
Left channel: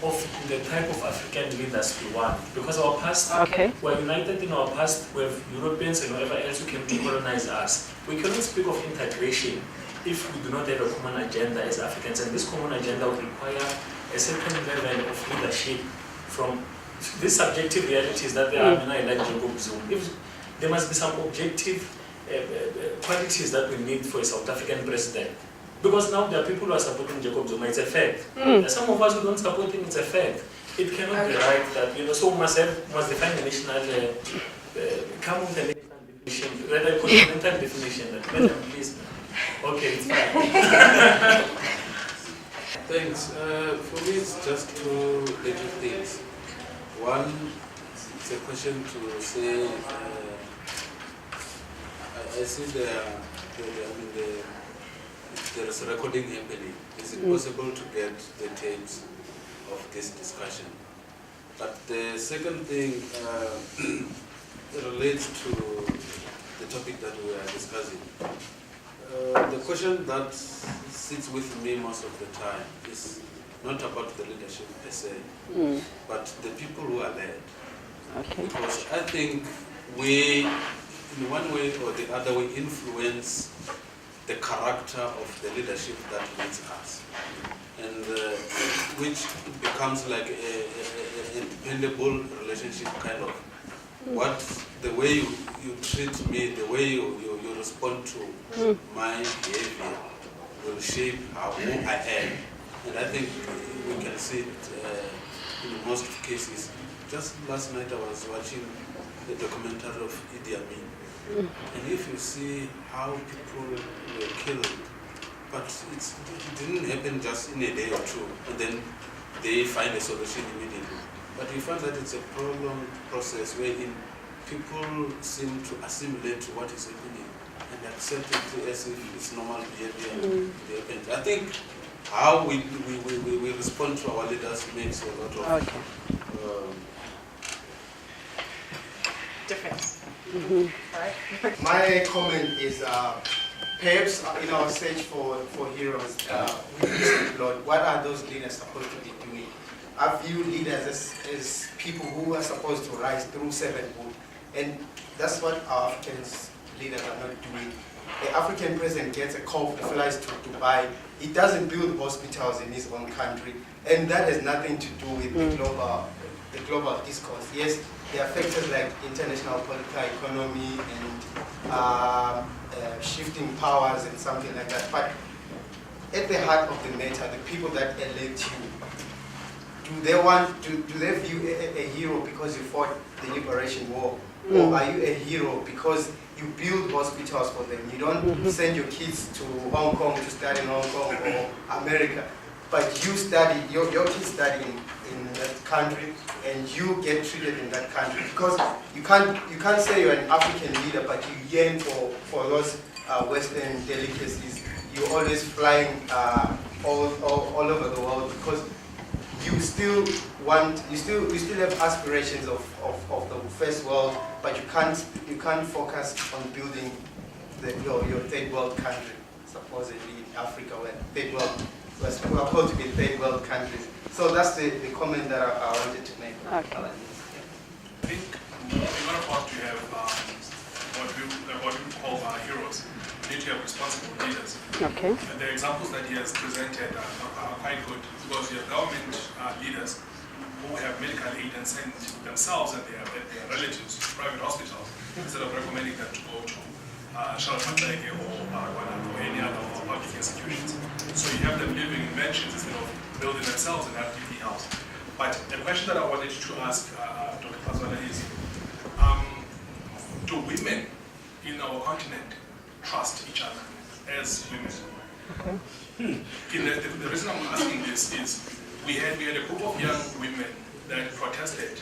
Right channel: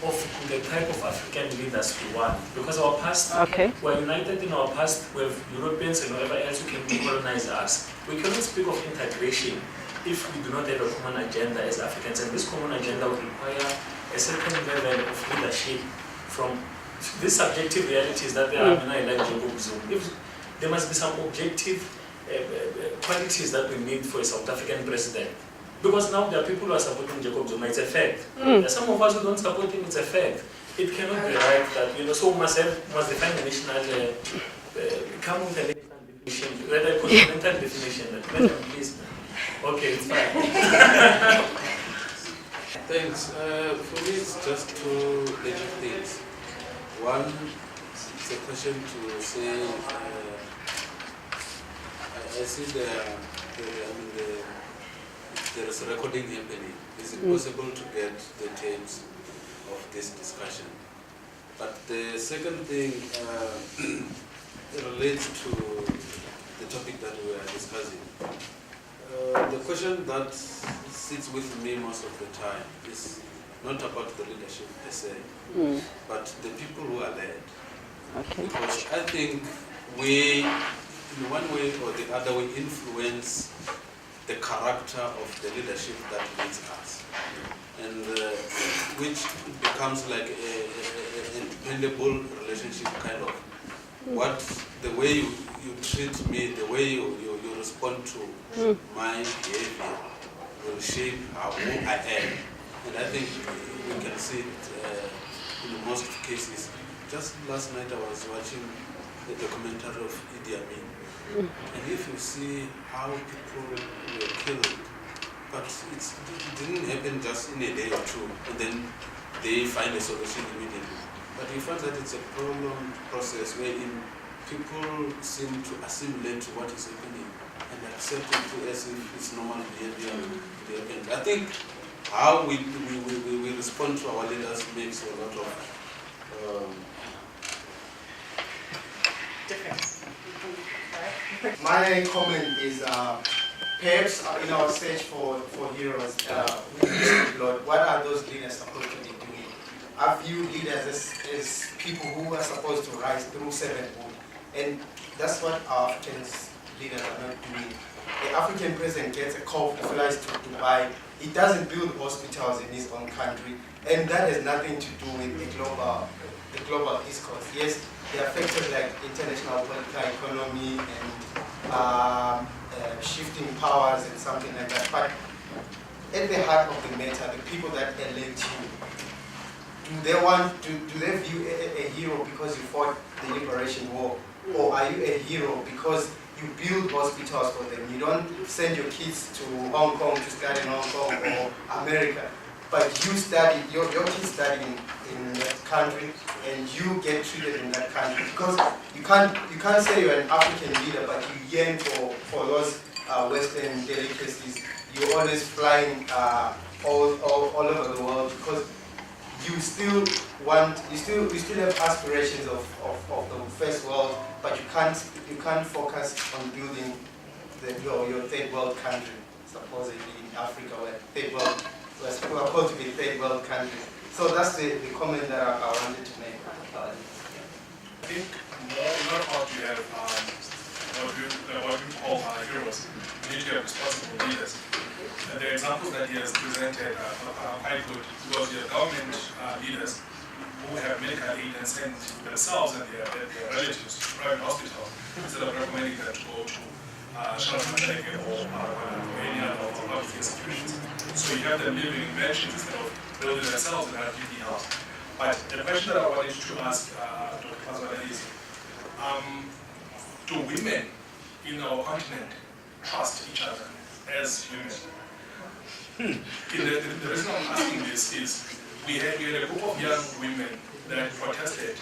of the type of African leaders we want. Because our past, we're united in our past with Europeans and whatever else who can decolonize us. We cannot speak of integration if we do not have a common agenda as Africans. And this common agenda would require a certain level of leadership from these subjective realities that there are like Jacob Zuma. There must be some objective qualities that we need for a South African president. Because now there are people who are supporting Jacob Zuma, it's a fact. There are some of us who don't support him, it's a fact. It cannot be right that, so we must define the national, come with a national definition, rather a continental definition. Please. Okay, it's fine. Thanks. For me, it's just two major things. One, it's a question to say, I see there is recording happening. Is it possible to get the tapes of this discussion? But the second thing relates to the topic that we are discussing. The question that sits with me most of the time is not about the leadership per se, but the people who are led. Because I think we, in one way or the other, we influence the character of the leadership that leads us, and which becomes like a dependable relationship kind of. The way you treat me, the way you respond to my behavior will shape who I am. And I think we can see it in most cases. Just last night I was watching the documentary of Idi Amin. And if you see how people were killed, but it didn't happen just in a day or two, and then they find a solution immediately. But we find that it's a prolonged process wherein people seem to assimilate to what is happening and accept it as if it's normal behavior. I think how we respond to our leaders makes a lot of difference. My comment is perhaps in our search for heroes, what are those leaders supposed to be doing? I view leaders as people who are supposed to rise through servanthood, and that's what our African leaders are not doing. The African president gets a call, flies to Dubai. He doesn't build hospitals in his own country, and that has nothing to do with the global discourse. Yes, there are factors like international political economy and shifting powers and something like that. But at the heart of the matter, the people that elect you, do they view a hero because you fought the liberation war, or are you a hero because you build hospitals for them? You don't send your kids to Hong Kong to study in Hong Kong or America, but you study, your kids study in that country, and you get treated in that country. Because you can't say you're an African leader, but you yearn for those Western delicacies. You're always flying all over the world because you still have aspirations of the first world, but you can't focus on building your third world country, supposedly in Africa, where third world we are called to be third world countries. So that's the comment that I wanted to make. I think in order for us to have what we call heroes, we need to have responsible leaders. And the examples that he has presented are quite good, because we have government leaders who have medical aid and send themselves and their relatives to private hospitals instead of recommending them to go to Shalom or any other public institutions. So you have them living in mansions instead of building themselves and having the house. But the question that I wanted to ask Dr. Fazwana is, do women in our continent trust each other as women? The reason I'm asking this is we had a group of young women that protested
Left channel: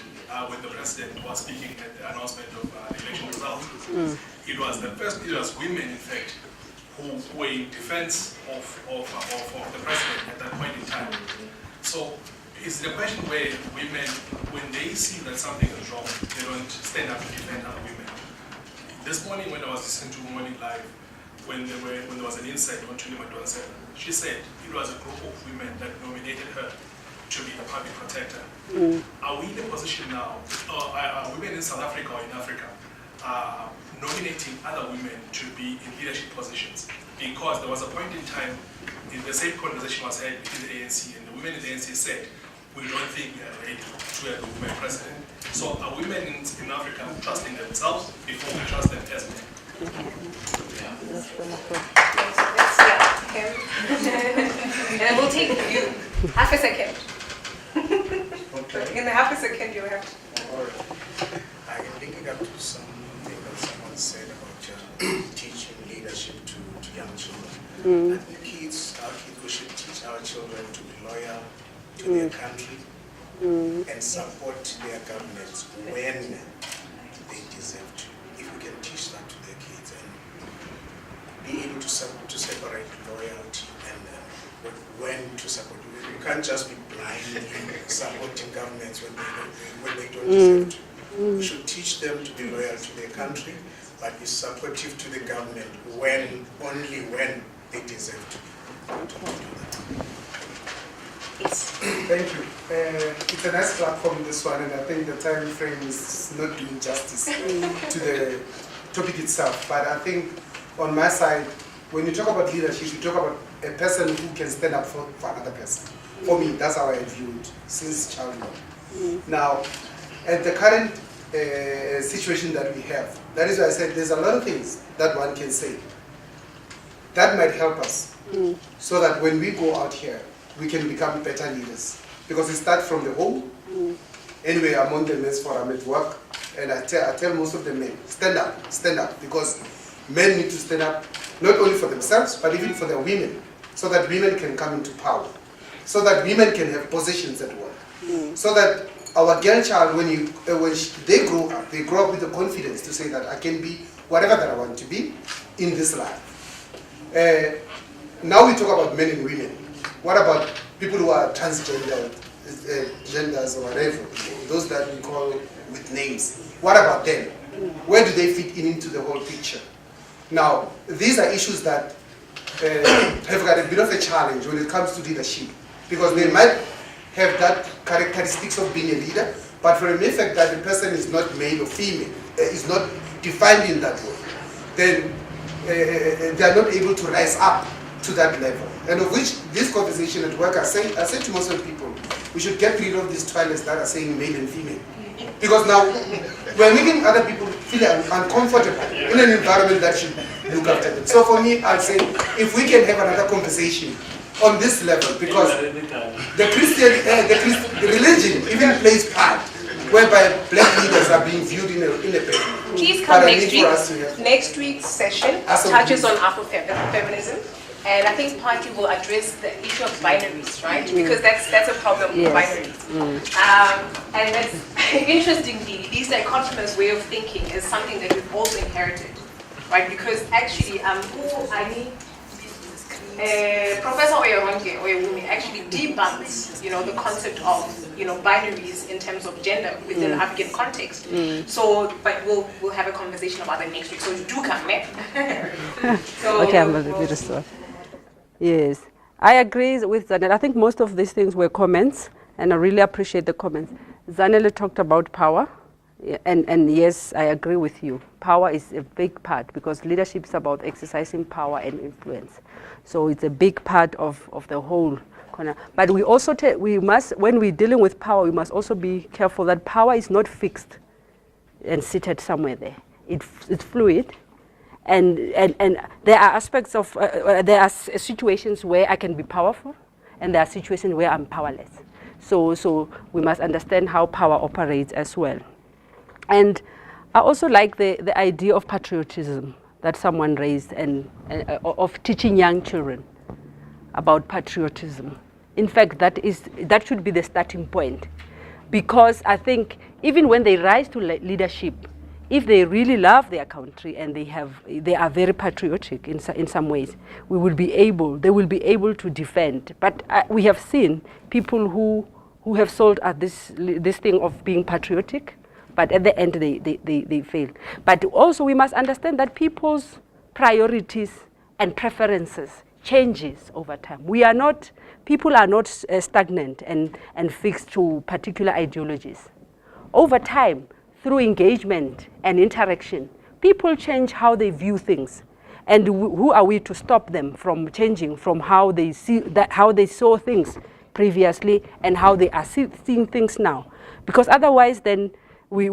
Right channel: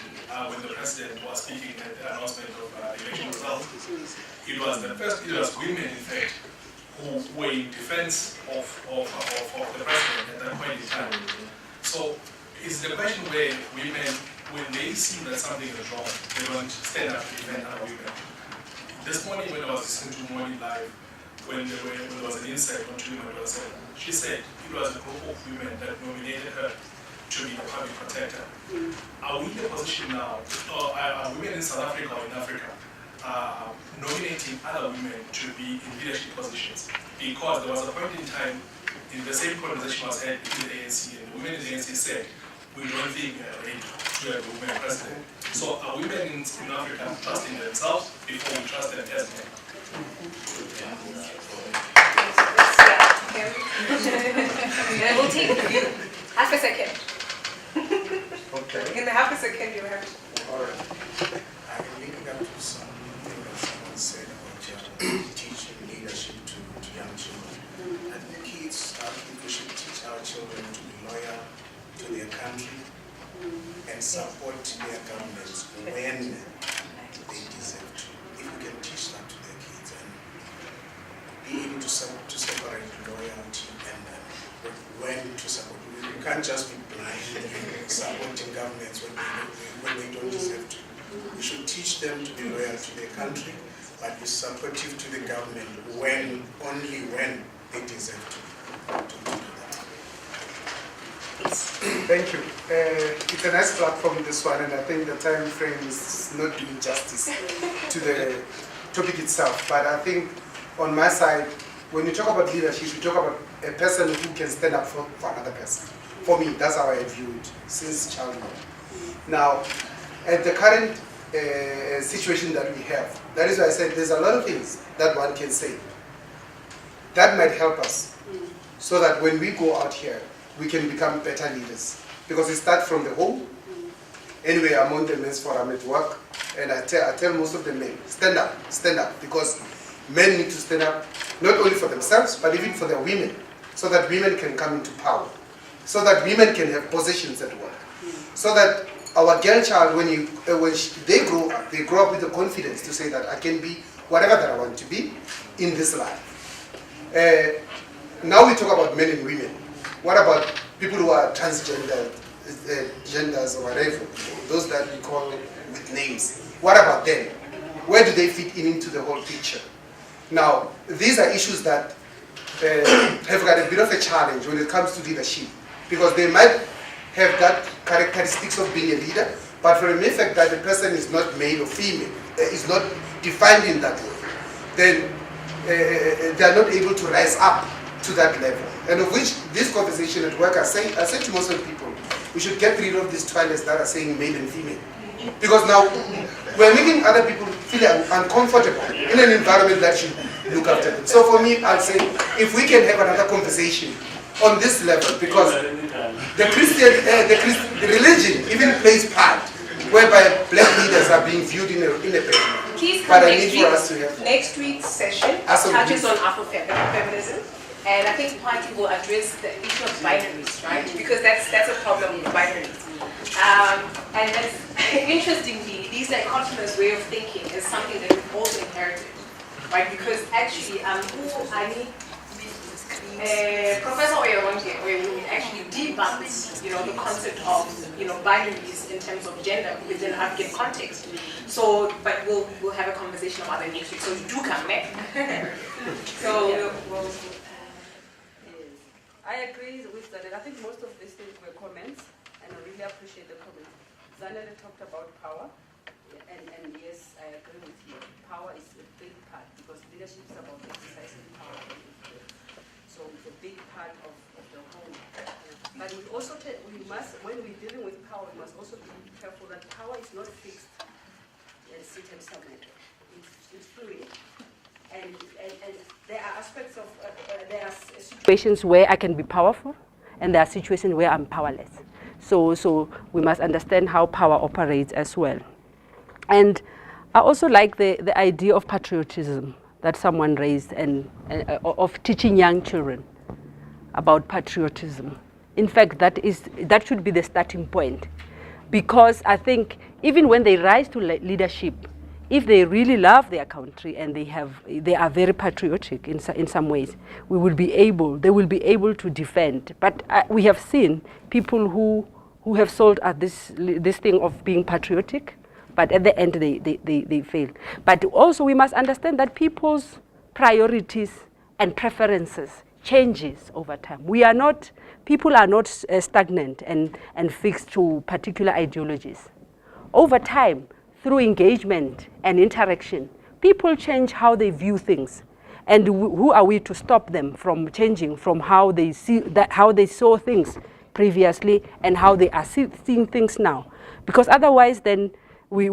when the president was speaking at the announcement of the election results. It was women, in fact, who were in defense of the president at that point in time. So it's the question where women, when they see that something is wrong, they don't stand up to defend other women. This morning when I was listening to Morning Live, when there was an insight on Tulima 27, she said it was a group of women that nominated her to be the public protector. Are we in a position now, or are women in South Africa or in Africa nominating other women to be in leadership positions? Because there was a point in time, in the same conversation was had within the ANC, and the women in the ANC said, we don't think we are ready to have a woman president. So are women in Africa trusting themselves before we trust them as men? And we'll take you half a second. Okay. In the half a second, you have to. All right. I'm linking up to something that someone said about teaching leadership to young children. I think our kids, we should teach our children to be loyal to their country and support their governments when they deserve to. If we can teach that to their kids and be able to separate loyalty and when to support. We can't just be blind in supporting governments when they don't deserve to. We should teach them to be loyal to their country, but be supportive to the government only when they deserve to do that. Thank you. It's a nice platform, this one, and I think the time frame is not doing justice to the topic itself. But I think on my side, when you talk about leadership, you talk about a person who can stand up for another person. For me, that's how I view it since childhood. Now, at the current situation that we have, that is why I said there's a lot of things that one can say that might help us so that when we go out here, we can become better leaders. Because we start from the home. Anyway, I'm on the men's forum at work, and I tell most of the men, stand up, because men need to stand up not only for themselves, but even for their women, so that women can come into power, so that women can have positions at work, so that our girl child, when they grow up with the confidence to say that I can be whatever that I want to be in this life. Now we talk about men and women. What about people who are transgender, genders or whatever, those that we call with names? What about them? Where do they fit into the whole picture? Now, these are issues that have got a bit of a challenge when it comes to leadership, because they might have that characteristics of being a leader, but for the mere fact that the person is not male or female, is not defined in that way, then they are not able to rise up to that level. And of which this conversation at work, I say to most of the people, we should get rid of these toilets that are saying male and female. Because now we're making other people feel uncomfortable in an environment that should look after them. So for me, I'll say, if we can have another conversation on this level, because the religion even plays part, whereby black leaders are being viewed in a better. Please come next week. Next week's session touches on Afrofeminism. And I think partly will address the issue of binaries, right? Because that's a problem with binaries. And that's, interestingly, this dichotomous way of thinking is something that we've also inherited, right? Because actually, Professor Oyewumi actually debunks, the concept of, binaries in terms of gender within the African context. So, but we'll have a conversation about that next week. So you do come, man. Yes, I agree with Zanele. I think most of these things were comments, and I really appreciate the comments. Zanele talked about power, and yes, I agree with you. Power is a big part, because leadership is about exercising power and influence. So it's a big part of the whole corner. But we also, when we're dealing with power, we must also be careful that power is not fixed and seated somewhere there. It's fluid. And there are aspects of, there are situations where I can be powerful, and there are situations where I'm powerless. So we must understand how power operates as well. And I also like the idea of patriotism that someone raised, and of teaching young children about patriotism. In fact, that should be the starting point, because I think even when they rise to leadership, if they really love their country and they are very patriotic in some ways, they will be able to defend. But we have seen people who have sold at this thing of being patriotic, but at the end they fail. But also we must understand that people's priorities and preferences changes over time. We are not, people are not stagnant and fixed to particular ideologies. Over time, through engagement and interaction, people change how they view things. And who are we to stop them from changing from how they see how they saw things previously and how they are seeing things now? Because otherwise, then we are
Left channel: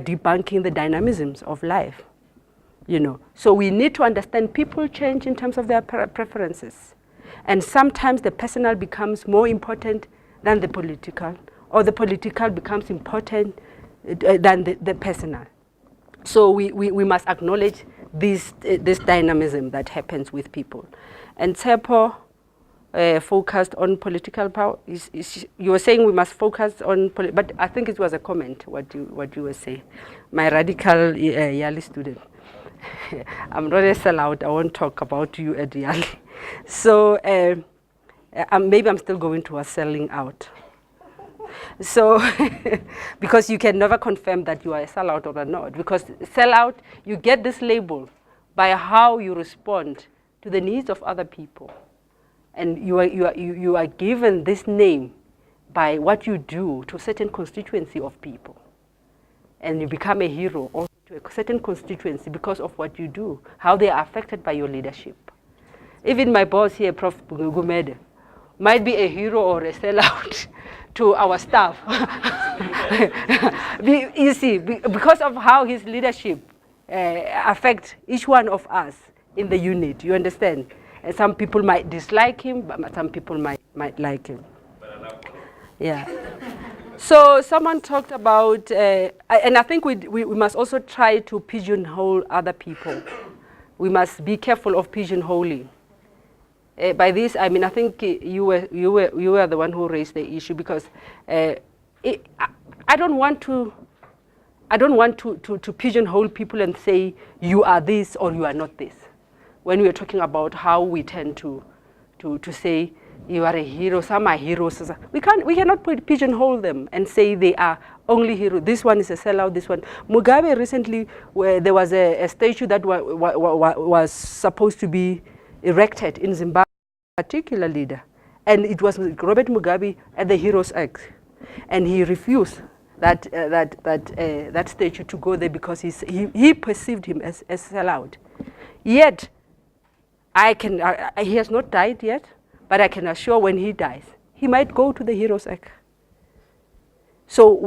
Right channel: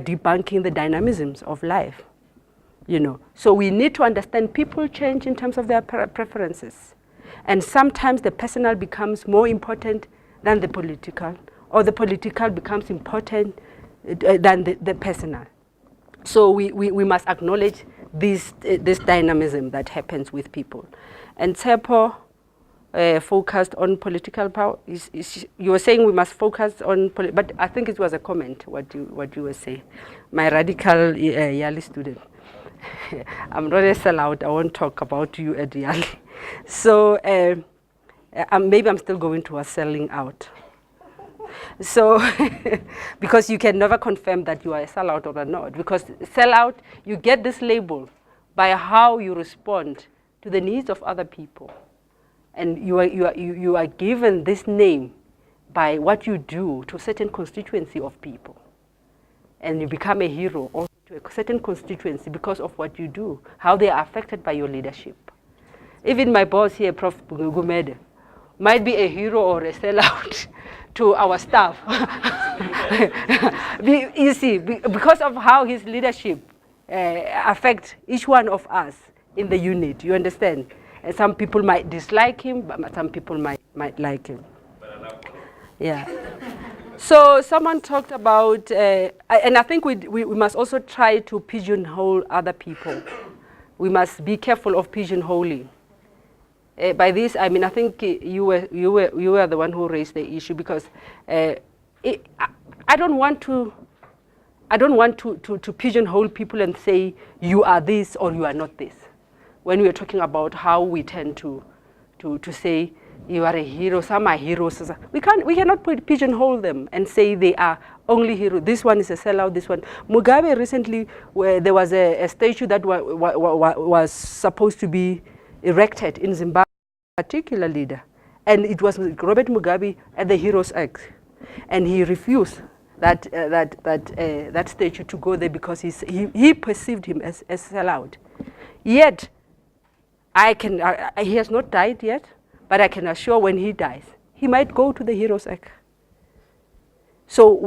debunking the dynamisms of life. You know, so we need to understand people change in terms of their preferences, and sometimes the personal becomes more important than the political, or the political becomes important than the personal. So we must acknowledge this dynamism that happens with people. And Tsepo focused on political power. You were saying we must focus on, but I think it was a comment what you were saying. My radical Yali student. I'm not a sellout. I won't talk about you at Yali. So maybe I'm still going towards selling out. So, because you can never confirm that you are a sellout or not. Because sellout, you get this label by how you respond to the needs of other people, and you are given this name by what you do to a certain constituency of people, and you become a hero also to a certain constituency because of what you do, how they are affected by your leadership. Even my boss here, Prof. Gumede, might be a hero or a sellout to our staff. You see, because of how his leadership affects each one of us in the unit, you understand? And some people might dislike him, but some people might like him. Yeah. So someone talked about, and I think we must also try to pigeonhole other people. We must be careful of pigeonholing. By this, I mean, I think you were the one who raised the issue, because I don't want to pigeonhole people and say you are this or you are not this. When we are talking about how we tend to say you are a hero, some are heroes. We cannot pigeonhole them and say they are only heroes. This one is a sellout. This one. Mugabe recently, where there was a statue that was supposed to be erected in Zimbabwe, a particular leader, and it was Robert Mugabe at the Heroes Act, and he refused that statue to go there because he perceived him as sellout. Yet, he has not died yet, but I can assure when he dies, he might go to the Heroes Act. So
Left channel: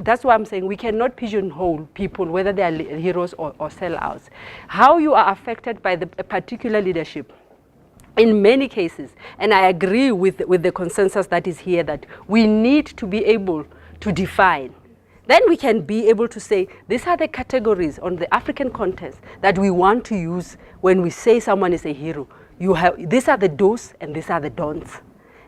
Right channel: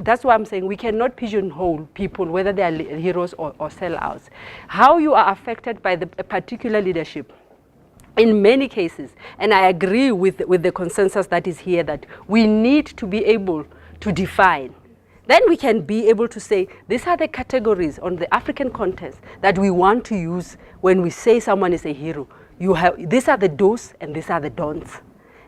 that's why I'm saying we cannot pigeonhole people, whether they are heroes or sellouts. How you are affected by a particular leadership, in many cases, and I agree with the consensus that is here, that we need to be able to define. Then we can be able to say, these are the categories on the African context that we want to use when we say someone is a hero. These are the do's and these are the don'ts.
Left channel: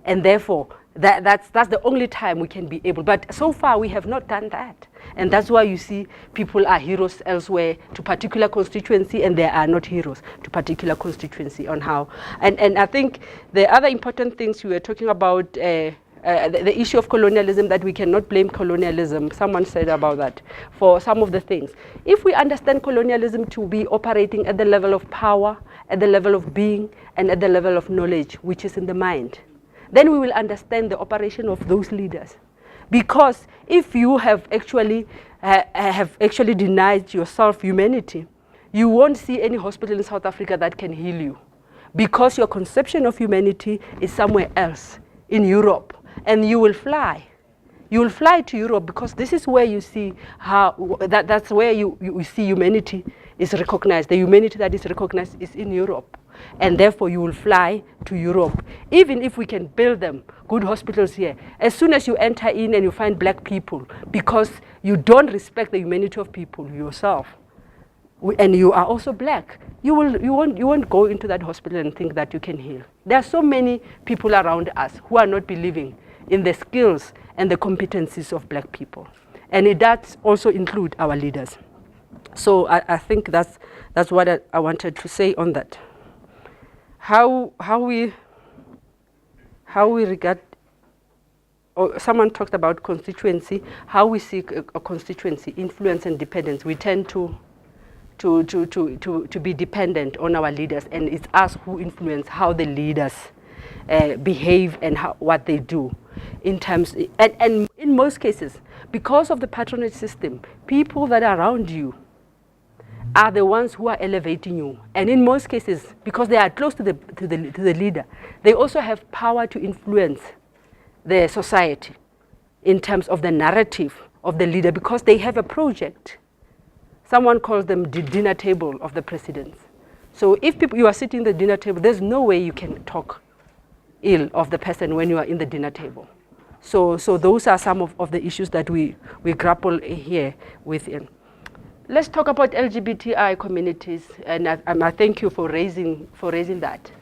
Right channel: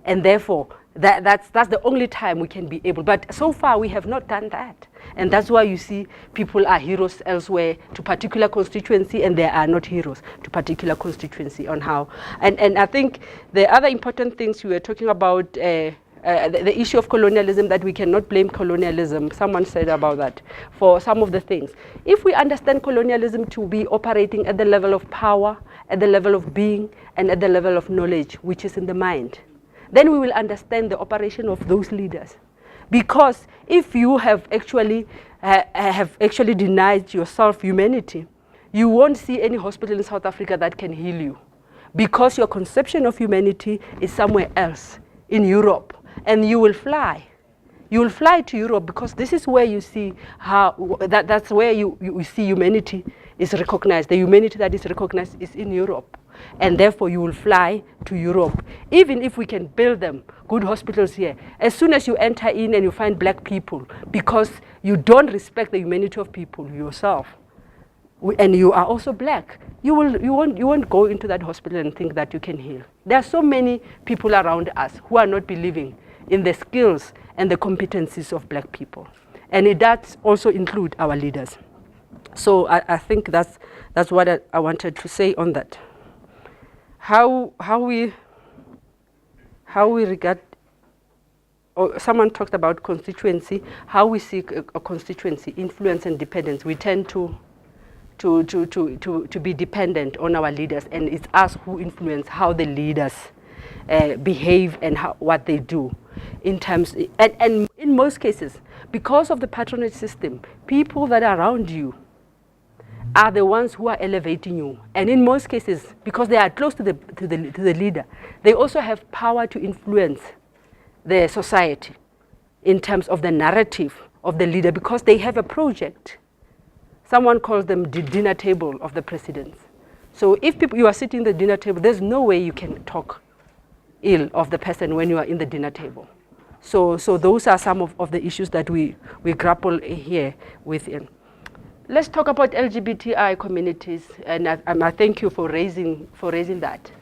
And therefore, that's the only time we can be able. But so far, we have not done that. And that's why you see people are heroes elsewhere to particular constituency, and they are not heroes to particular constituency on how. And I think the other important things you were talking about, the issue of colonialism, that we cannot blame colonialism. Someone said about that for some of the things. If we understand colonialism to be operating at the level of power, at the level of being, and at the level of knowledge, which is in the mind, then we will understand the operation of those leaders. Because if you have actually denied yourself humanity, you won't see any hospital in South Africa that can heal you, because your conception of humanity is somewhere else, in Europe, and you will fly. You will fly to Europe, because this is where you see how, that's where you see humanity is recognized. The humanity that is recognized is in Europe. And therefore you will fly to Europe. Even if we can build them, good hospitals here, as soon as you enter in and you find black people, because you don't respect the humanity of people yourself, and you are also black, you won't go into that hospital and think that you can heal. There are so many people around us who are not believing in the skills and the competencies of black people. And it does also include our leaders. So I think that's what I wanted to say on that. How we regard, or someone talked about constituency, how we seek a constituency, influence and dependence. We tend to to be dependent on our leaders, and it's us who influence how the leaders behave and what they do in terms, and in most cases, because of the patronage system, people that are around you are the ones who are elevating you. And in most cases, because they are close to the leader, they also have power to influence the society in terms of the narrative of the leader, because they have a project. Someone calls them the dinner table of the presidents. So if you are sitting at the dinner table, there's no way you can talk ill of the person when you are in the dinner table. So those are some of the issues that we grapple here with. Let's talk about LGBTI communities, and I thank you for raising that,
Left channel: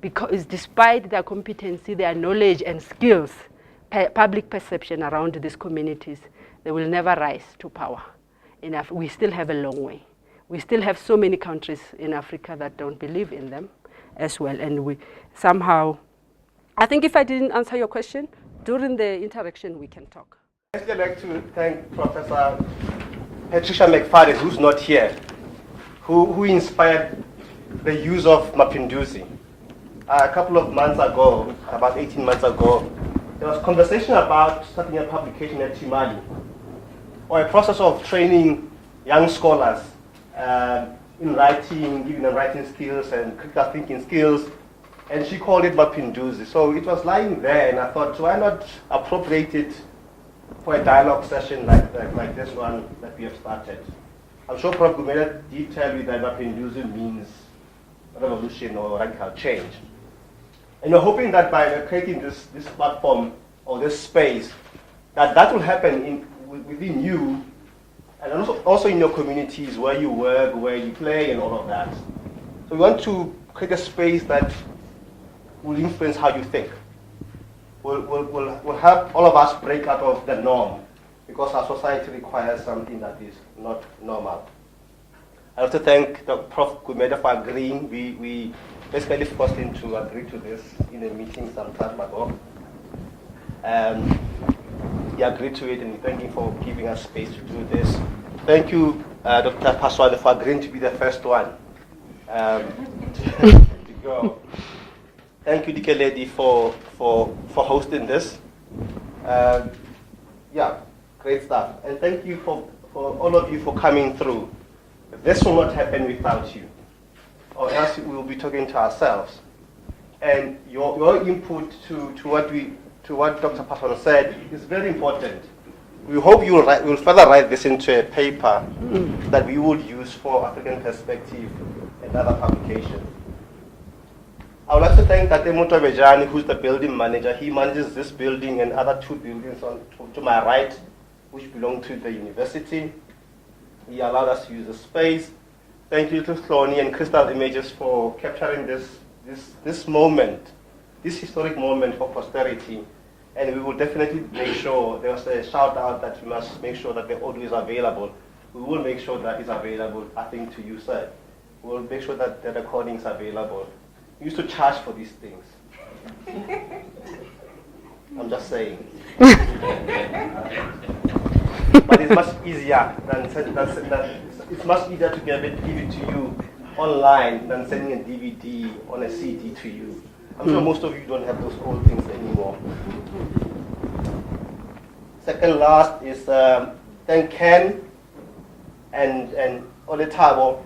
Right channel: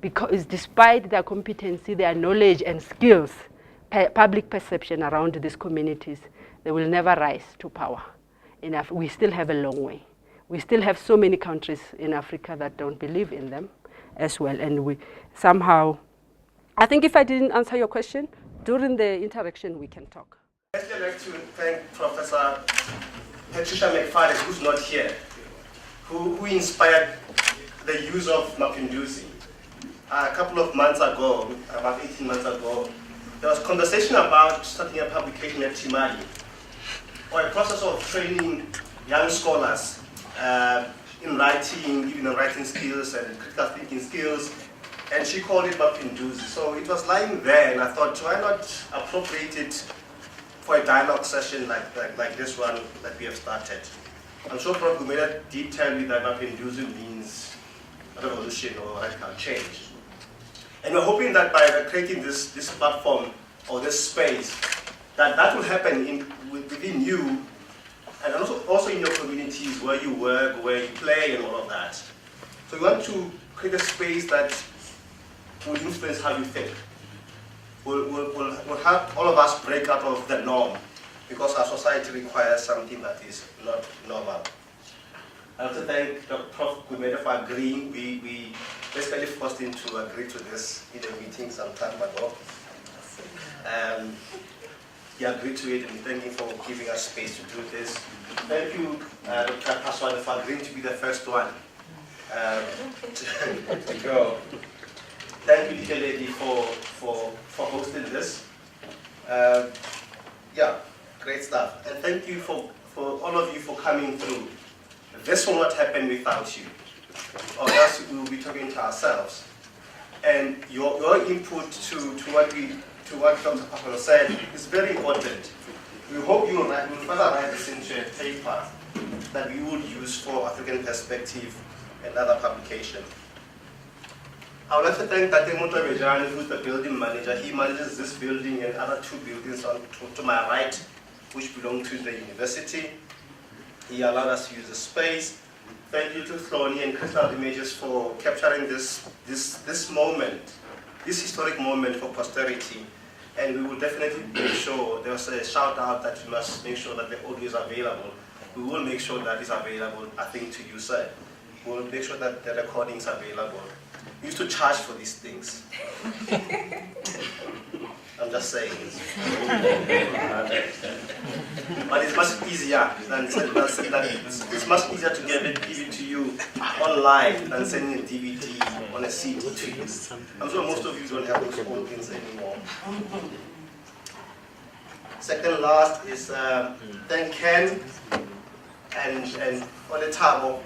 because despite their competency, their knowledge and skills, public perception around these communities, they will never rise to power. We still have a long way. We still have so many countries in Africa that don't believe in them as well, and we somehow, I think if I didn't answer your question, during the interaction we can talk. I'd like to thank Professor Patricia McFadden, who's not here, who inspired the use of Maphinduzi. A couple of months ago, about 18 months ago, there was conversation about starting a publication at Timali, or a process of training young scholars in writing, giving them writing skills and critical thinking skills, and she called it Maphinduzi. So it was lying there, and I thought, why not appropriate it for a dialogue session like this one that we have started? I'm sure Prof. Gumede did tell you that Maphinduzi means revolution or radical change. And we're hoping that by creating this platform or this space, that will happen within you, and also in your communities where you work, where you play, and all of that. So we want to create a space that will influence how you think. Will help all of us break out of the norm, because our society requires something that is not normal. I want to thank Prof. Gumede for agreeing. We basically forced him to agree to this in a meeting some time ago. He agreed to it, and thank you for giving us space to do this. Thank you, Dr. Paswade, for agreeing to be the first one to go. Thank you, Dike Lady, for hosting this. Yeah, great stuff. And thank you for all of you for coming through. This will not happen without you, or else we will be talking to ourselves. And your input to what Dr. Paswade said is very important. We hope you will further write this into a paper that we will use for African Perspective and other publications. I would like to thank Tate Mutobejani, who's the building manager. He manages this building and other two buildings to my right, which belong to the university. He allowed us to use the space. Thank you to Thorny and Crystal Images for capturing this moment, this historic moment for posterity. And we will definitely make sure, there was a shout out that we must make sure that the audio is available. We will make sure that it's available, I think, to you, sir. We will make sure that the recording is available. We used to charge for these things. I'm just saying. But it's much easier it's much easier to give it to you online than sending a DVD on a CD to you. I'm sure most of you don't have those old things anymore. Second last is thank Ken and Oletabo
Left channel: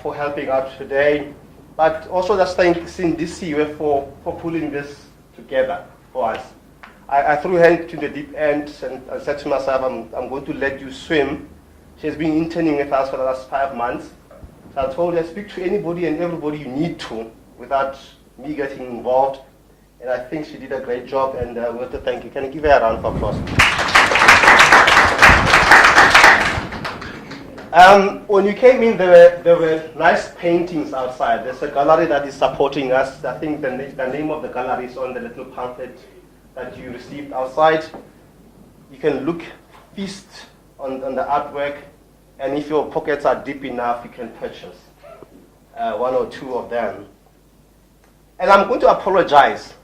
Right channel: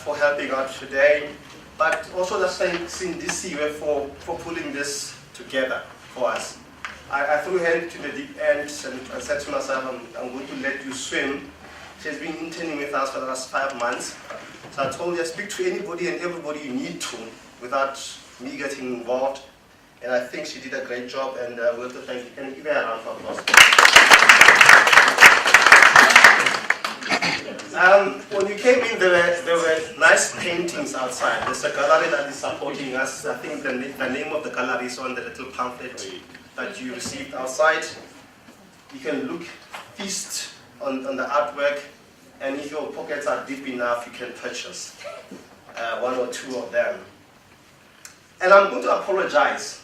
for helping out today. But also just thank Cindy Siwe for pulling this together for us. I threw her into the deep end and said to myself, I'm going to let you swim. She's been interning with us for the last 5 months. So I told her, speak to anybody and everybody you need to without me getting involved. And I think she did a great job, and we want to thank you. Can you give her a round of applause? When you came in, there were nice paintings outside. There's a gallery that is supporting us. I think the name of the gallery is on the little pamphlet that you received outside. You can look, feast on the artwork, and if your pockets are deep enough, you can purchase one or two of them. And I'm going to apologize.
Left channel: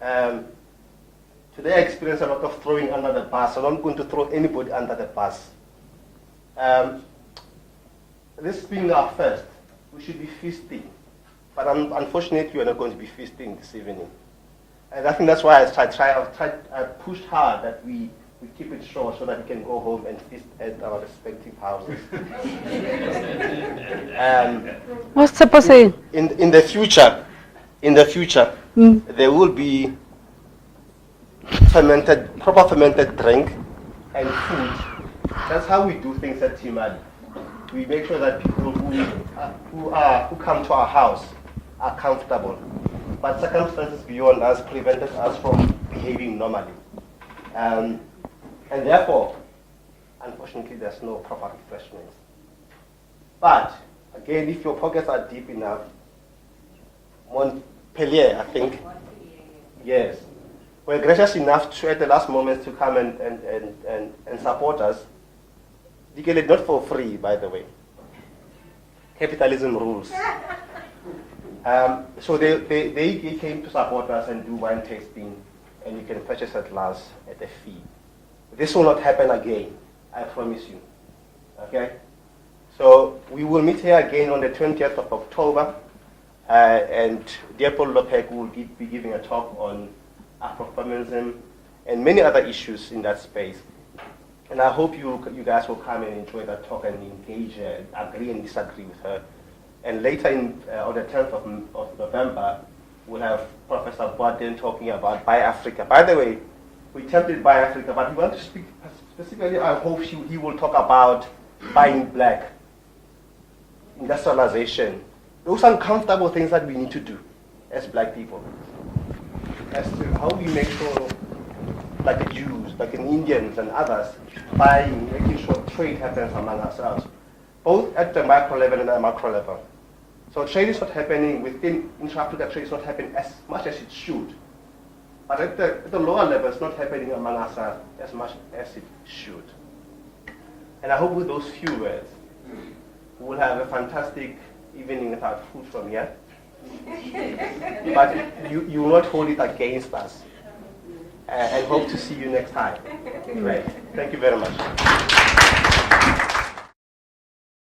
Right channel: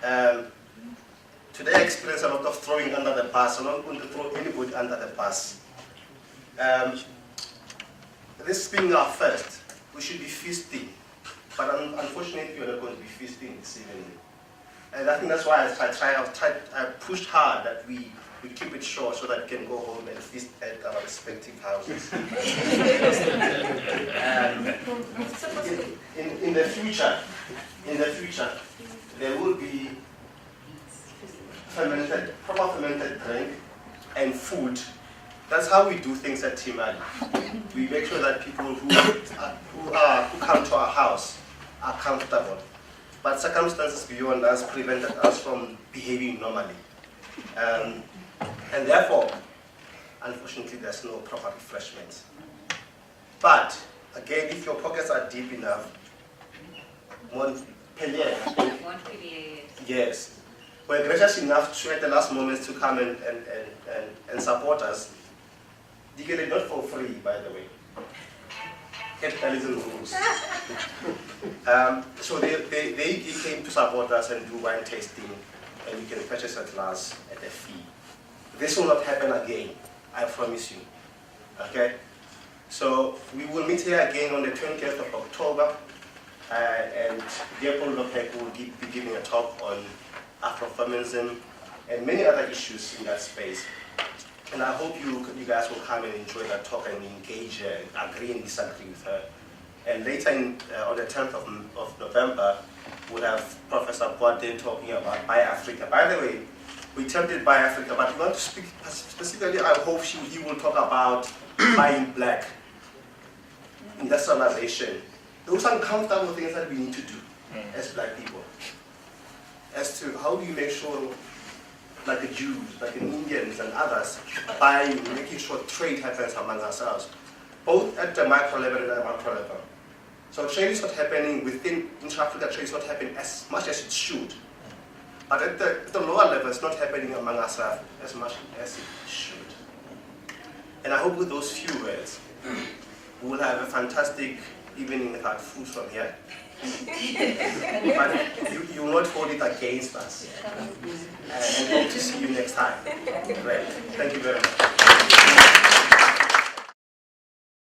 Today I experienced a lot of throwing under the bus, and I'm not going to throw anybody under the bus. this being our first, we should be feasting. But unfortunately, we are not going to be feasting this evening. And I think that's why I pushed hard that we keep it short so that we can go home and feast at our respective houses. What's Tsepo saying? In the future, there will be proper fermented drink and food. That's how we do things at Timali. We make sure that people who come to our house are comfortable. But circumstances beyond us prevented us from behaving normally. And therefore, unfortunately, there's no proper refreshment. But, again, if your pockets are deep enough, Montpellier, I think, yes, were gracious enough to, at the last moments, to come and support us. They get it not for free, by the way. Capitalism rules. So they came to support us and do wine tasting, and you can purchase a glass at a fee. This will not happen again, I promise you. Okay? So we will meet here again on the 20th of October, and Leopold Lopek will be giving a talk on Afrofeminism and many other issues in that space. And I hope you guys will come and enjoy that talk and engage, agree and disagree with her. And later on the 10th of November, we'll have Professor Boaden talking about Buy Africa. By the way, we tempted Buy Africa, but we want to speak specifically, I hope he will talk about buying black, industrialization. Those uncomfortable things that we need to do as black people. As to how we make sure like the Jews, like the Indians and others, buying, making sure trade happens among ourselves, both at the micro level and the macro level. So trade is not happening within intra-Africa, trade is not happening as much as it should. But at the lower level, it's not happening among ourselves as much as it should. And I hope with those few words, we'll have a fantastic evening without food from here. But you will not hold it against us. And hope to see you next time. Right. Thank you very much.